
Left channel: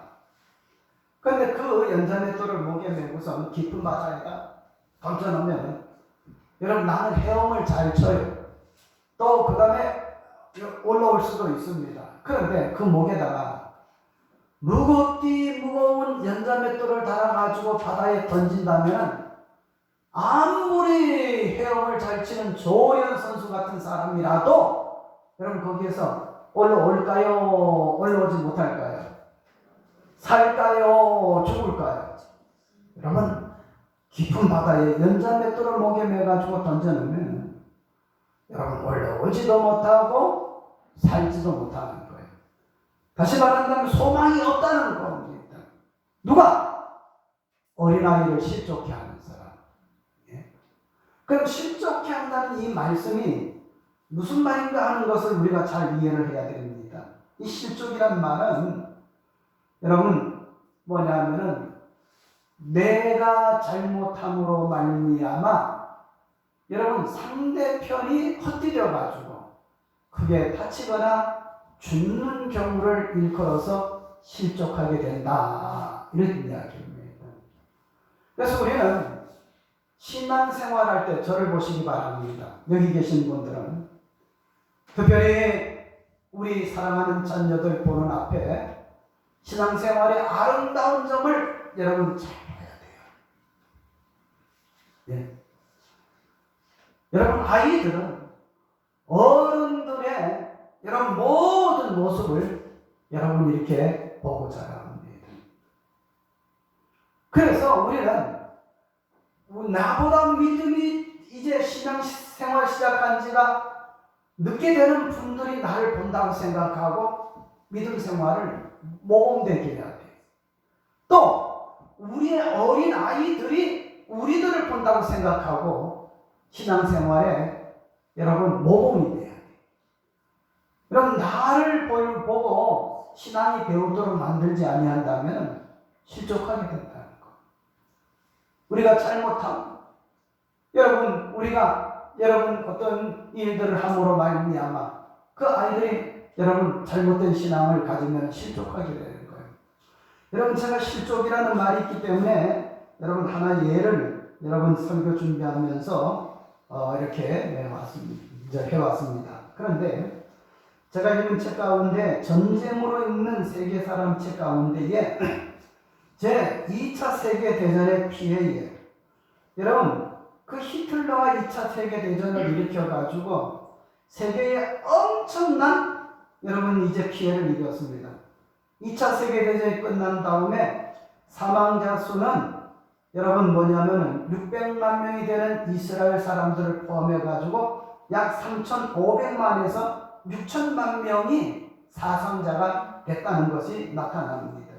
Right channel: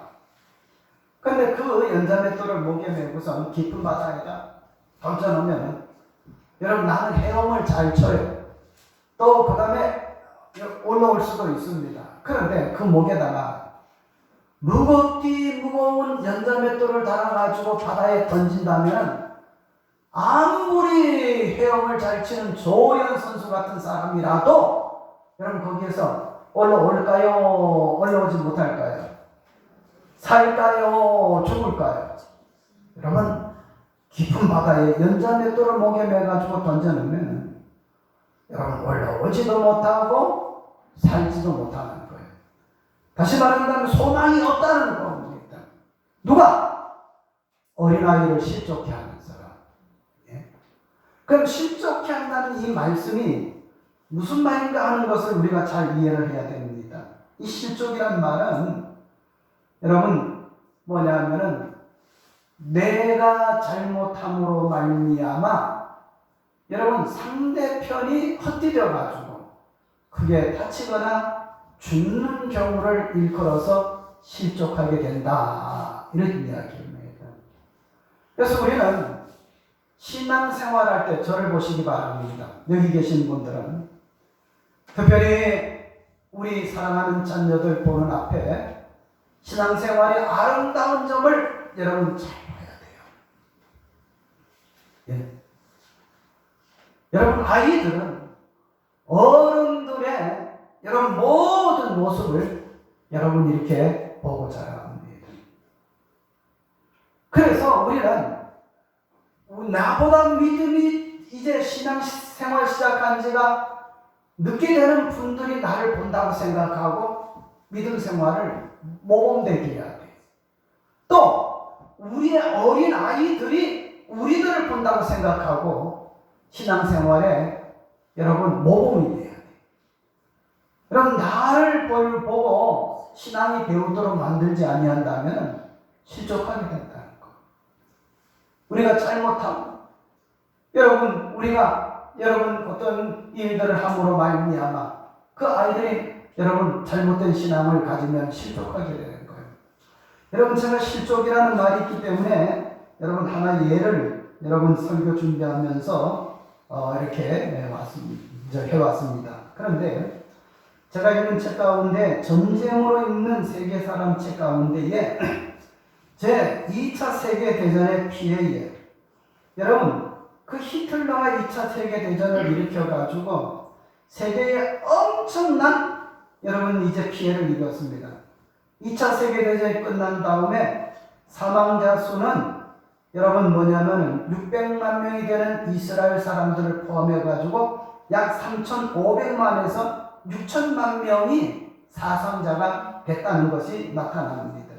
그런데 그 연자 맷돌을 목에 메고서 깊은 바다에다 던져놓으면 여러분 나는 헤엄을 잘 쳐요. 또 그 다음에 올라올 수도 있습니다. 그런데 그 목에다가 무거운 연자 맷돌을 달아가지고 바다에 던진다면 아무리 헤엄을 잘 치는 조호연 선수 같은 사람이라도 여러분 거기에서 올라올까요? 올라오지 못할까요? 살까요? 죽을까요? 여러분 깊은 바다에 연자 맷돌을 목에 매가지고 던져놓으면 여러분 올라오지도 못하고 살지도 못하는 거예요. 다시 말한다면 소망이 없다는 겁니다. 누가? 어린아이를 실족해 하는 사람. 예? 그럼 실족해 한다는 이 말씀이 무슨 말인가 하는 것을 우리가 잘 이해를 해야 됩니다. 이 실족이란 말은 여러분 뭐냐면은 내가 잘못함으로 말미암아 여러분 상대편이 헛디뎌 가지고 크게 다치거나 죽는 경우를 일컬어서 실족하게 된다 이런 이야기입니다. 그래서 우리는 신앙생활할 때 저를 보시기 바랍니다. 여기 계신 분들은 특별히 우리 사랑하는 자녀들 보는 앞에 신앙생활의 아름다운 점을 여러분 잘 봐야 돼요. 예. 여러분 아이들은 어른들의 여러분 모든 모습을 여러분 이렇게 보고 자라야 합니다. 그래서 우리는 나보다 믿음이 이제 신앙생활 시작한 지가 늦게 되는 분들이 나를 본다고 생각하고 믿음 생활을 모범되게 해야 돼요. 또 우리의 어린 아이들이 우리들을 본다고 생각하고 신앙생활에 여러분 모범이 돼야 돼요. 여러분 나를 보고 신앙이 배우도록 만들지 아니한다면 실족하게 된다는 거. 우리가 잘못하면 여러분 어떤 일들을 함으로 말미암아 그 아이들이 여러분 잘못된 신앙을 가지면 실족하게 되는 거예요. 여러분 제가 실족이라는 말이 있기 때문에 여러분 하나 예를 여러분 설교 준비하면서 이렇게 해왔습니다. 그런데 제가 읽는 책 가운데 전쟁으로 읽는 세계 사람 책 가운데에 제 2차 세계대전의 피해에 여러분 그 히틀러가 2차 세계대전을 일으켜가지고 세계에 엄청난 여러분 이제 피해를 입었습니다. 2차 세계대전이 끝난 다음에 사망자 수는 여러분 뭐냐면 600만 명이 되는 이스라엘 사람들을 포함해가지고 약 3,500만에서 6천만 명이 사상자가 됐다는 것이 나타납니다.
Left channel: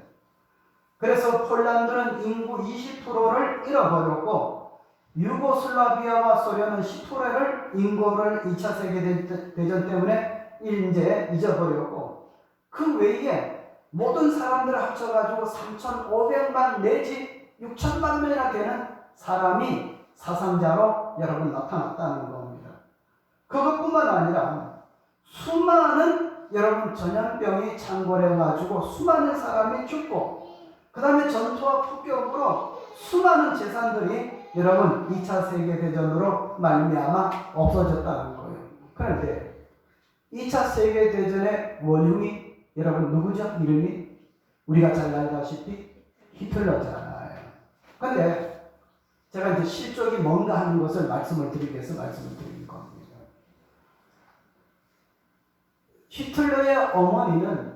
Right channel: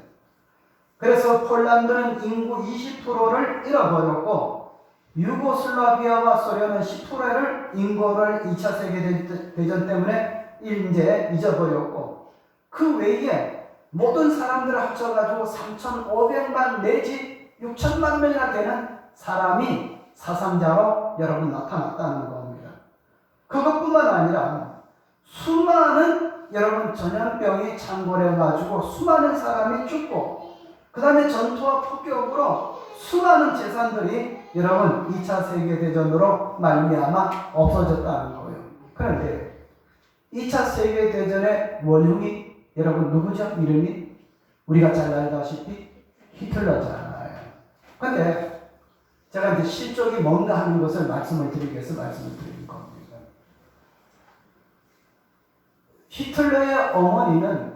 그래서 폴란드는 인구 20%를 잃어버렸고 유고슬라비아와 소련은 10%를 인구를 2차 세계대전 때문에 이제 잊어버렸고 그 외에 모든 사람들을 합쳐가지고 3,500만 내지 6천만 명이나 되는 사람이 사상자로 여러분 나타났다는 겁니다. 그것뿐만 아니라 수많은 여러분 전염병이 창궐해가지고 수많은 사람이 죽고 그 다음에 전투와 폭격으로 수많은 재산들이 여러분 2차 세계대전으로 말미암아 없어졌다는 거예요. 그런데 2차 세계대전의 원흉이 여러분 누구죠? 이름이 우리가 잘 알다시피 히틀러잖아요. 그런데 제가 이제 실족이 뭔가 하는 것을 말씀을 드리기 위해서 말씀을 드리는 겁니다. 히틀러의 어머니는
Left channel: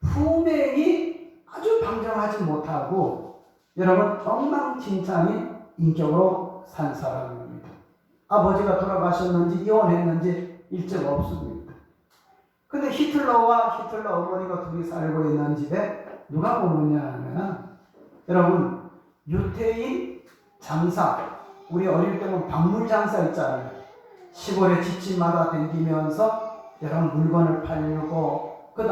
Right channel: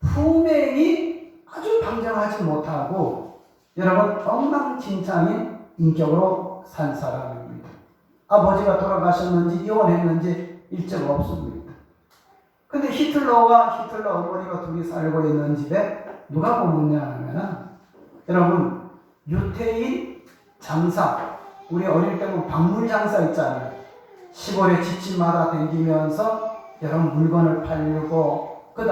품행이 아주 방정하지 못하고 여러분 엉망진창인 인격으로 산 사람입니다. 아버지가 돌아가셨는지 이혼했는지 일제가 없습니다. 근데 히틀러 어머니가 둘이 살고 있는 집에 누가 보느냐 하면 여러분 유태인 장사, 우리 어릴 때 보면 박물 장사 있잖아요. 시골에 집집마다 다니면서 여러분 물건을 팔고 그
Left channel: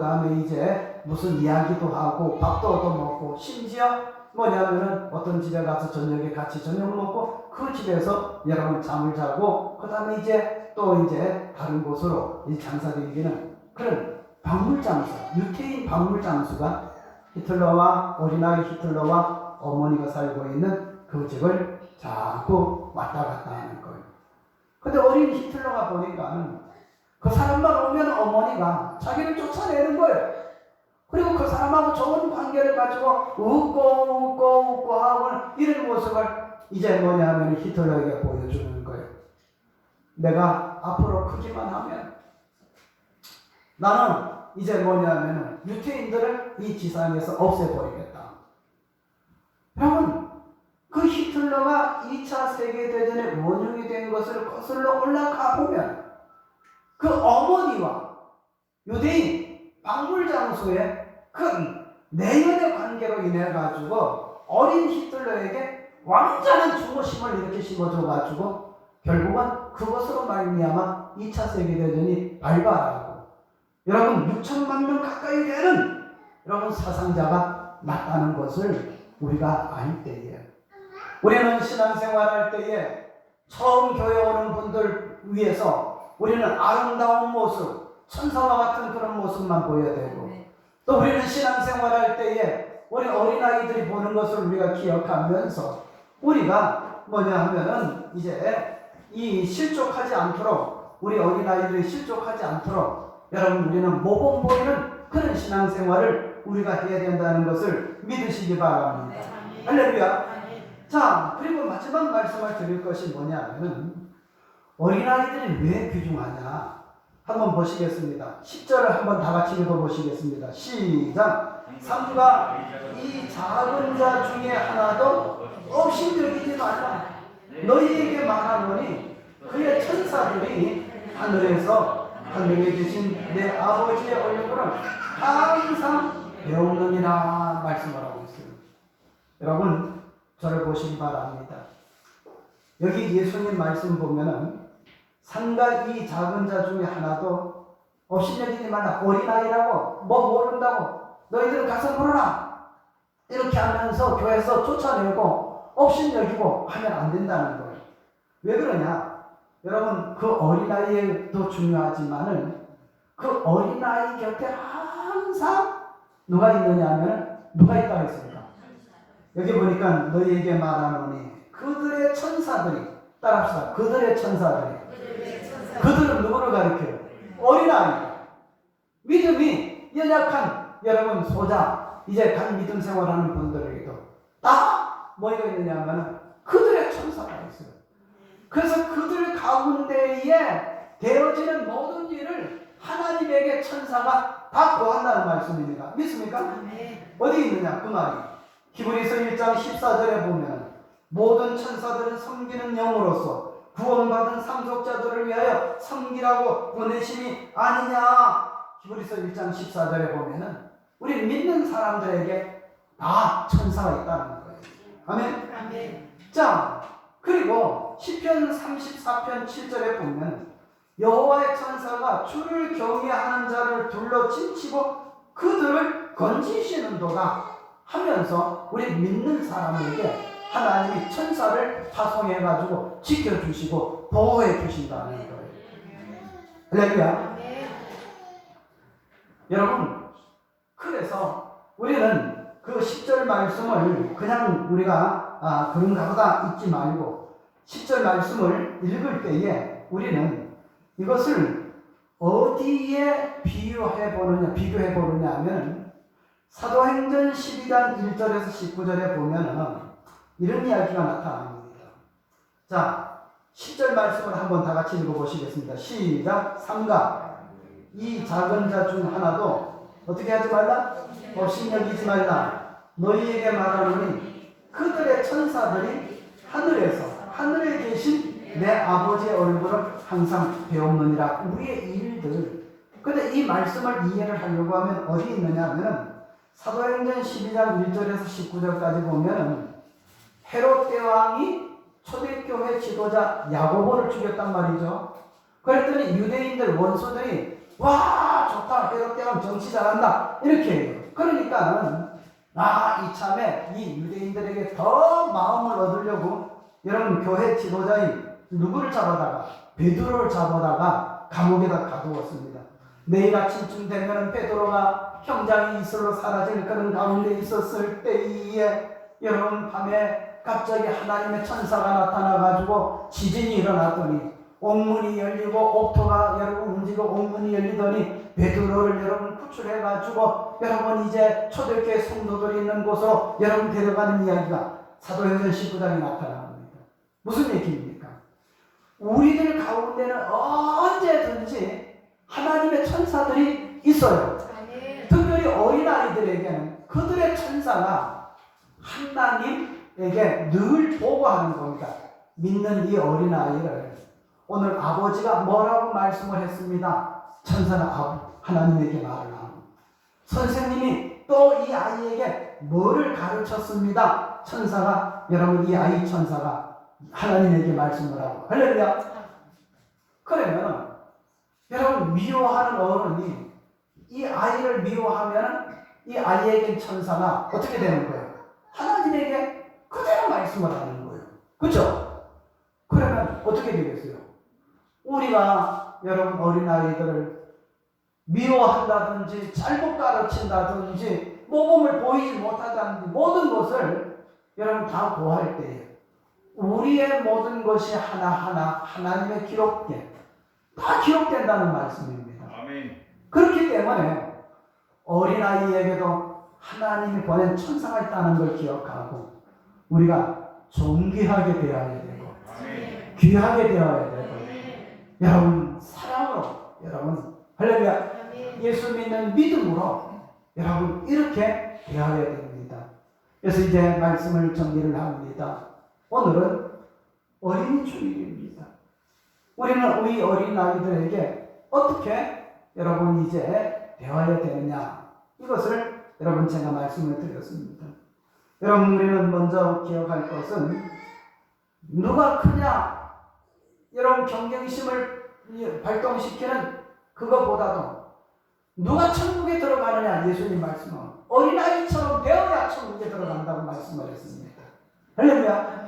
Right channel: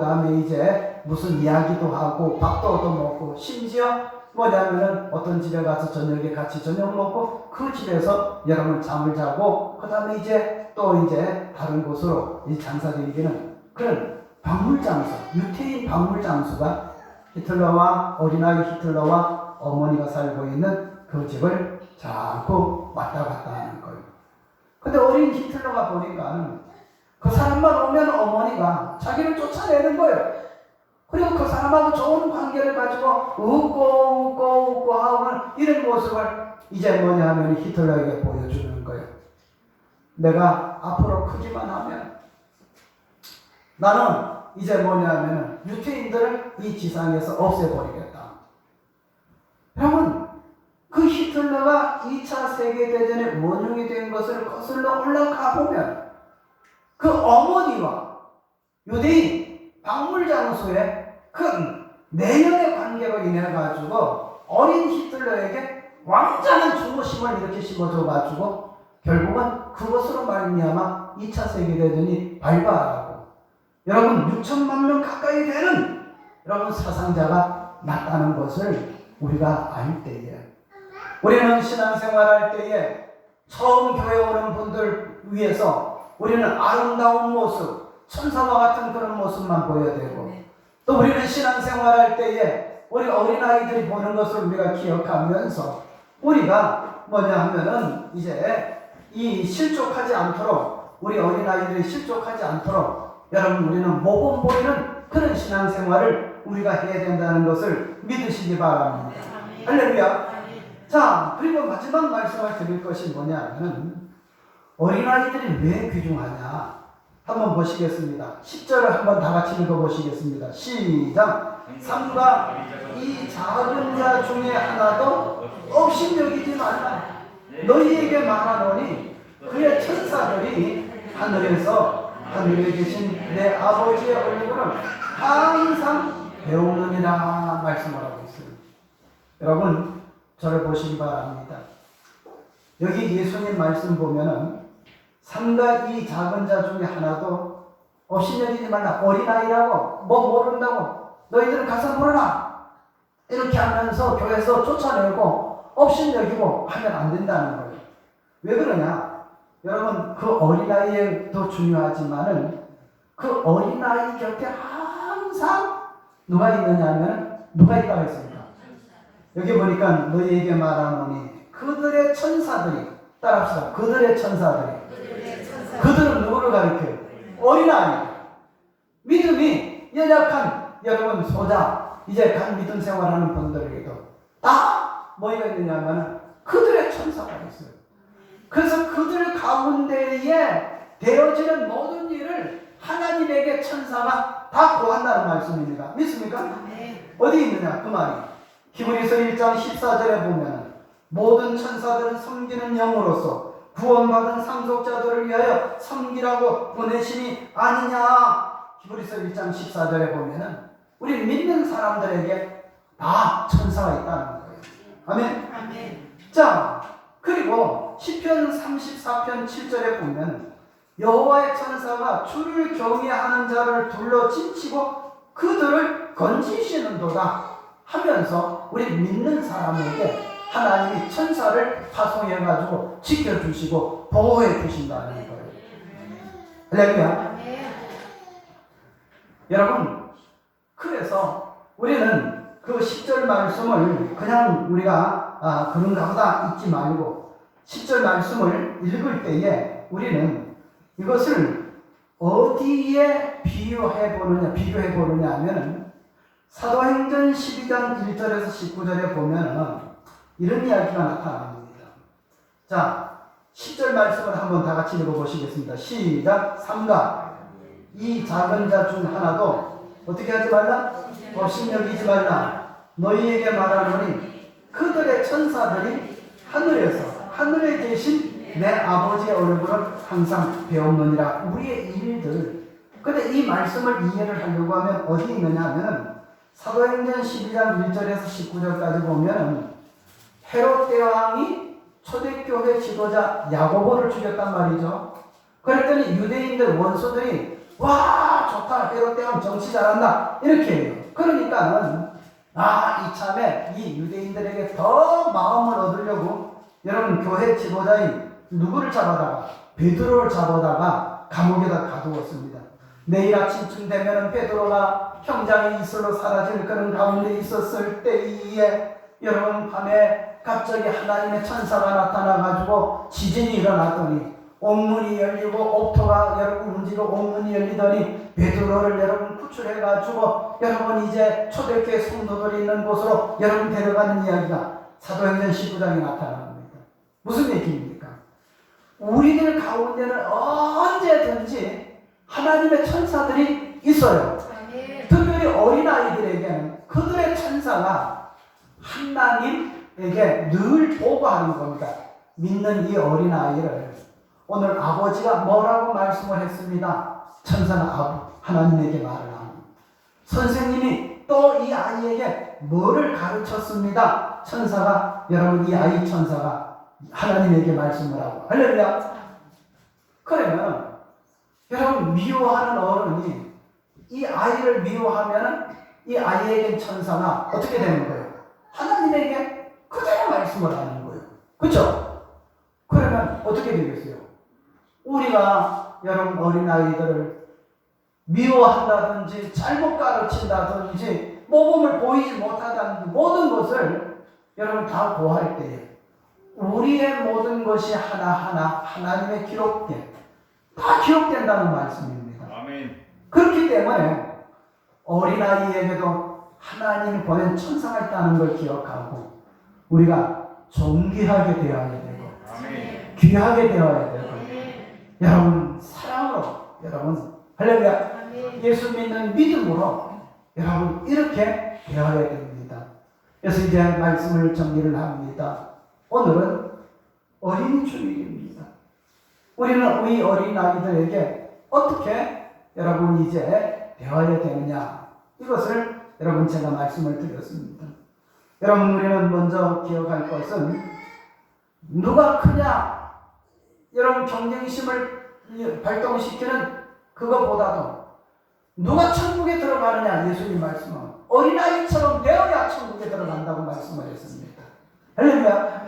다음에 이제 무슨 이야기도 하고 밥도 얻어먹고 심지어 뭐냐면은 어떤 집에 가서 저녁에 같이 저녁 먹고 그 집에서 여러분 잠을 자고 그 다음에 이제 또 이제 다른 곳으로 이 장사들이기는 그런 박물장수, 유태인 박물장수가 히틀러와 어린아이 히틀러와 어머니가 살고 있는 그 집을 자꾸 왔다 갔다 하는 거예요. 근데 어린 히틀러가 보니까 그 사람만 오면 어머니가 자기를 쫓아내는 거예요. 그리고 그 사람하고 좋은 관계를 가지고 웃고 하고 이런 모습을 이제 뭐냐 하면 히틀러에게 보여주는 거예요. 내가 앞으로 크기만 하면 나는 이제 뭐냐 하면 유태인들을 이 지상에서 없애버리겠다. 여러분 그 히틀러가 2차 세계대전의 원흉이 된 것을 거슬러 올라가 보면 그 어머니와 유대인 박물장수의 큰 내연의 관계로 인해 가지고 어린 히틀러에게 완전한 중호심을 이렇게 심어줘 가지고 결국은 그것으로 말미암아 2차 세계대전이 발발하고 여러분 6천만 명 가까이 되는 여러분 사상자가 났다는 것을 우리가 알 때에 우리는 신앙생활할 때에 처음 교회 오는 분들 위해서 우리는 아름다운 모습, 천사와 같은 그런 모습만 보여야 되고 또 우리는 신앙생활할 때에 우리 어린아이들이 보는 것을 우리가 기억하면서 우리가 뭐냐 하면은 이제 이 실족하지 않도록 우리 어린아이들이 실족하지 않도록 여러분 우리는 모범 보이는 그런 신앙생활을 우리가 해야 된다는 것을 믿으시기 바랍니다. 할렐루야. 자, 그리고 마지막 말씀을 드릴 것이 뭐냐면 어린아이들이 왜 귀중하냐? 한번 보시겠습니다. 10절을 한번 다 같이 읽어보시겠습니다. 시작. 삼가 이 작은 자 중에 하나도 없이 여기지 말라. 너희에게 말하노니 그의 천사들이 하늘에 계신 내 아버지의 얼굴을 항상 배우느니라 말씀하라고 있습니다. 여러분 저를 보시기 바랍니다. 여기 예수님 말씀 보면은 삼가 이 작은 자 중에 하나도 없이 여기지 말라. 어린아이라고 뭐 모른다고 너희들은 가서 물어라 이렇게 하면서 교회에서 쫓아내고 없이 여기고 하면 안 된다는 거예요. 왜 그러냐? 여러분 그 어린아이도 중요하지만은 그 어린아이 곁에 항상 누가 있느냐면 누가 있다고 했습니다. 여기 보니까 너희에게 말하노니 그들의 천사들이 따라합시다. 그들의 천사들이 그들은 누구를 가리켜요? 어린아이. 믿음이 연약한 여러분 소자 이제 간 믿음 생활하는 분들에게도 다 뭐가 있느냐면 그들의 천사가 있어요. 그래서 그들 가운데에 되어지는 모든 일을 하나님에게 천사가 다 고한다는 말씀입니다. 믿습니까? 네. 어디 있느냐 그 말이 히브리서 1장 14절에 보면 모든 천사들은 섬기는 영으로서 구원받은 상속자들을 위하여 섬기라고 보내심이 아니냐. 히브리서 1장 14절에 보면은 우리 믿는 사람들에게 다 천사가 있다는 거예요. 아멘. 아멘. 자 그리고 시편 34편 7절에 보면 여호와의 천사가 주를 경외하는 자를 둘러 진치고 그들을 건지시는도다 하면서 우리 믿는 사람에게 하나님이 천사를 파송해가지고 지켜주시고 보호해 주신다는 거예요. 할렐루야. 여러분 그래서 우리는 그 10절 말씀을 그냥 우리가 그런가 보다 읽지 말고 10절 말씀을 읽을 때에 우리는 이것을 어디에 비교해 보느냐 하면 사도행전 12장 1절에서 19절에 보면 이런 이야기가 나타납니다. 자 10절 말씀을 한번 다 같이 읽어보시겠습니다. 시작. 삼가 이 작은 자 중 하나도 어떻게 하지 말라? 없이 여기지 말라. 너희에게 말하노니 그들의 천사들이 하늘에 계신 내 아버지의 얼굴을 항상 배우느니라. 우리의 일들. 근데 이 말씀을 이해를 하려고 하면 어디 있느냐 하면 사도행전 12장 1절에서 19절까지 보면 헤롯 대왕이 초대교회 지도자 야고보를 죽였단 말이죠. 그랬더니 유대인들 원수들이 와 좋다 헤롯 대왕 정치 잘한다 이렇게 해요. 그러니까는 이참에 이 유대인들에게 더 마음을 얻으려고 여러분 교회 지도자인 누구를 잡아다가 베드로를 잡아다가 감옥에다 가두었습니다. 내일 아침쯤 되면 베드로가 형장의 이슬로 사라질 그런 가운데 있었을 때에 여러분 밤에 갑자기 하나님의 천사가 나타나가지고 지진이 일어났더니 옥문이 열리고 옥토가 여러분 움직이고 옥문이 열리더니 베드로를 여러분 구출해가지고 여러분 이제 초대교회 성도들이 있는 곳으로 여러분 데려가는 이야기가 사도행전 19장에 나타납니다. 무슨 얘기입니까? 우리들 가운데는 언제든지 하나님의 천사들이 있어요. 특별히 어린아이들에게는 그들의 천사가 하나님에게 늘 보고하는 겁니다. 믿는 이 어린아이를 오늘 아버지가 뭐라고 말씀을 했습니다. 천사는 하나님에게 말을 합니다. 선생님이 또 이 아이에게 뭐를 가르쳤습니다. 천사가 여러분 이 아이 천사가 하나님에게 말씀을 하고 할렐루야. 그러면 여러분 미워하는 어른이 이 아이를 미워하면 이 아이에게 천사가 어떻게 되는 거예요? 하나님에게 그대로 말씀을 하는 거예요. 그렇죠? 그러면 어떻게 되겠어요? 우리가 여러분 어린아이들을 미워한다든지 잘못 가르친다든지 모범을 보이지 못한다든지 모든 것을 여러분 다 고할 때 우리의 모든 것이 하나하나 하나님의 다 기록된다는 말씀입니다. 아멘. 그렇기 때문에 어린아이에게도 하나님이 보낸 천사가 있다는 걸 기억하고 우리가 존귀하게 대해야 되고 아멘. 귀하게 대해야 되고 여러분 사랑으로 여러분 할렐루야. 예수 믿는 믿음으로 여러분 이렇게 대하여야 됩니다. 그래서 이제 말씀을 정리를 합니다. 오늘은 어린이 주일입니다. 우리는 우리 어린아이들에게 어떻게 여러분 이제 대하여야 되느냐, 이것을 여러분 제가 말씀을 드렸습니다. 여러분 우리는 먼저 기억할 것은 누가 크냐, 여러분 경쟁심을 발동시키는 그것보다도 누가 천국에 들어가느냐, 예수님 말씀은 어린아이처럼 되어야 천국에 들어간다고 말씀을 했습니다. 할렐루야.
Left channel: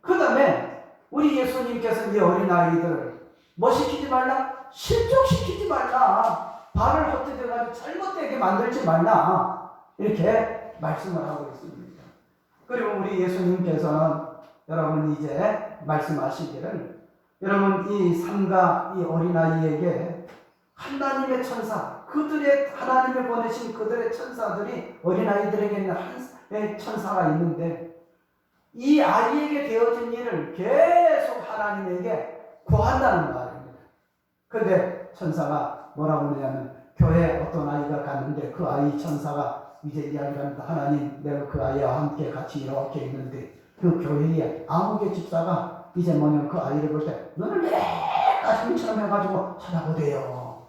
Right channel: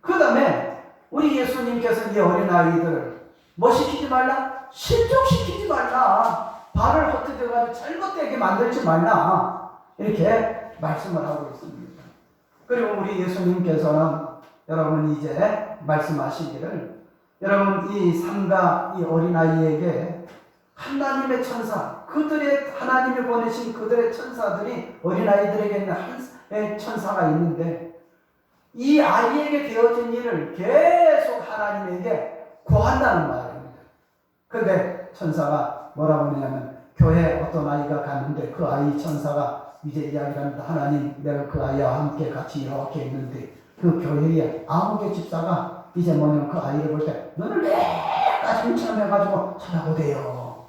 그 다음에 우리 예수님께서 이 어린아이들을 뭐 시키지 말라? 실족시키지 말라. 발을 헛디뎌가지고 잘못되게 만들지 말라. 이렇게 말씀을 하고 있습니다. 그리고 우리 예수님께서는 여러분 이제 말씀하시기를, 여러분 이 삼가 이 어린아이에게 하나님의 천사, 그들의 하나님이 보내신 그들의 천사들이 어린아이들에게는 한 천사가 있는데 이 아이에게 되어진 일을 계속 하나님에게 구한다는 말입니다. 그런데 천사가 뭐라고 하냐면, 교회에 어떤 아이가 갔는데 그 아이 천사가 이제 이야기를 합니다. 하나님, 내가 그 아이와 함께 같이 이렇게 있는데 그 교회에 아무개 집사가 이제 뭐냐면 그 아이를 볼 때 너는 내가 힘처럼 해가지고 쳐다보대요.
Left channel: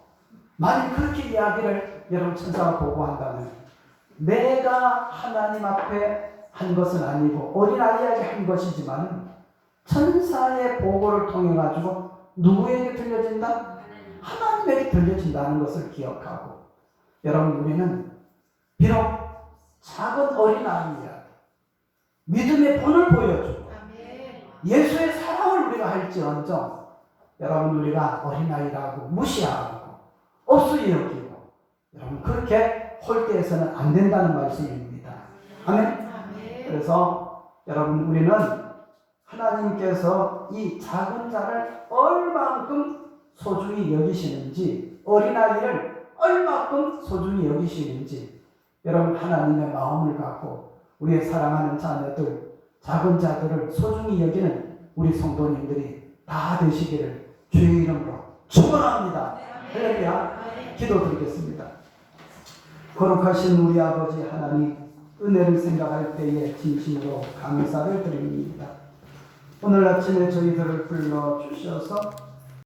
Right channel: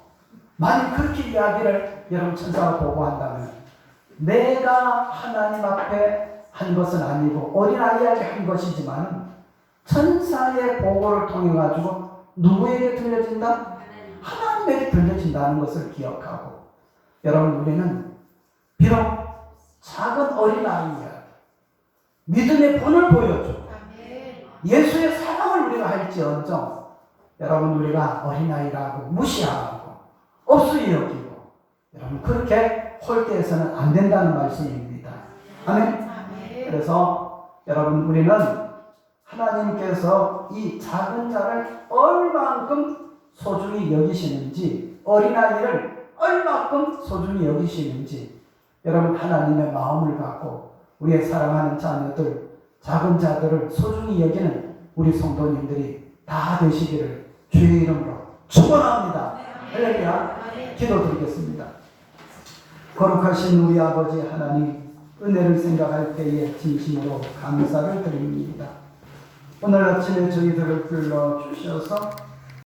만약 그렇게 이야기를 여러분 천사가 보고한다면, 내가 하나님 앞에 한 것은 아니고 어린아이에게 한 것이지만 천사의 보고를 통해 가지고 누구에게 들려진다? 하나님에게 들려진다는 것을 기억하고, 여러분 우리는 비록 작은 어린아이야 믿음의 본을 보여줘 예수의 사랑을 우리가 할지언정, 여러분 우리가 어린아이라고 무시하고 없이 여기고 여러분 그렇게 홀대해서는 안 된다는 말씀입니다. 아멘. 그래서 여러분 우리는 하나님께서 이 작은 자를 얼만큼 소중히 여기시는지, 어린아이를 얼만큼 소중히 여기시는지 여러분 하나님의 마음을 갖고 우리의 사랑하는 자녀들, 작은 자들을 소중히 여기는 우리 성도님들이 다 되시기를 주의 이름으로 축원합니다. 할렐루야. 기도드리겠습니다. 거룩하신 우리 아버지 하나님, 은혜를 생각할 때에 진심으로 감사를 드립니다. 오늘 아침에 저희들을 불러주셔서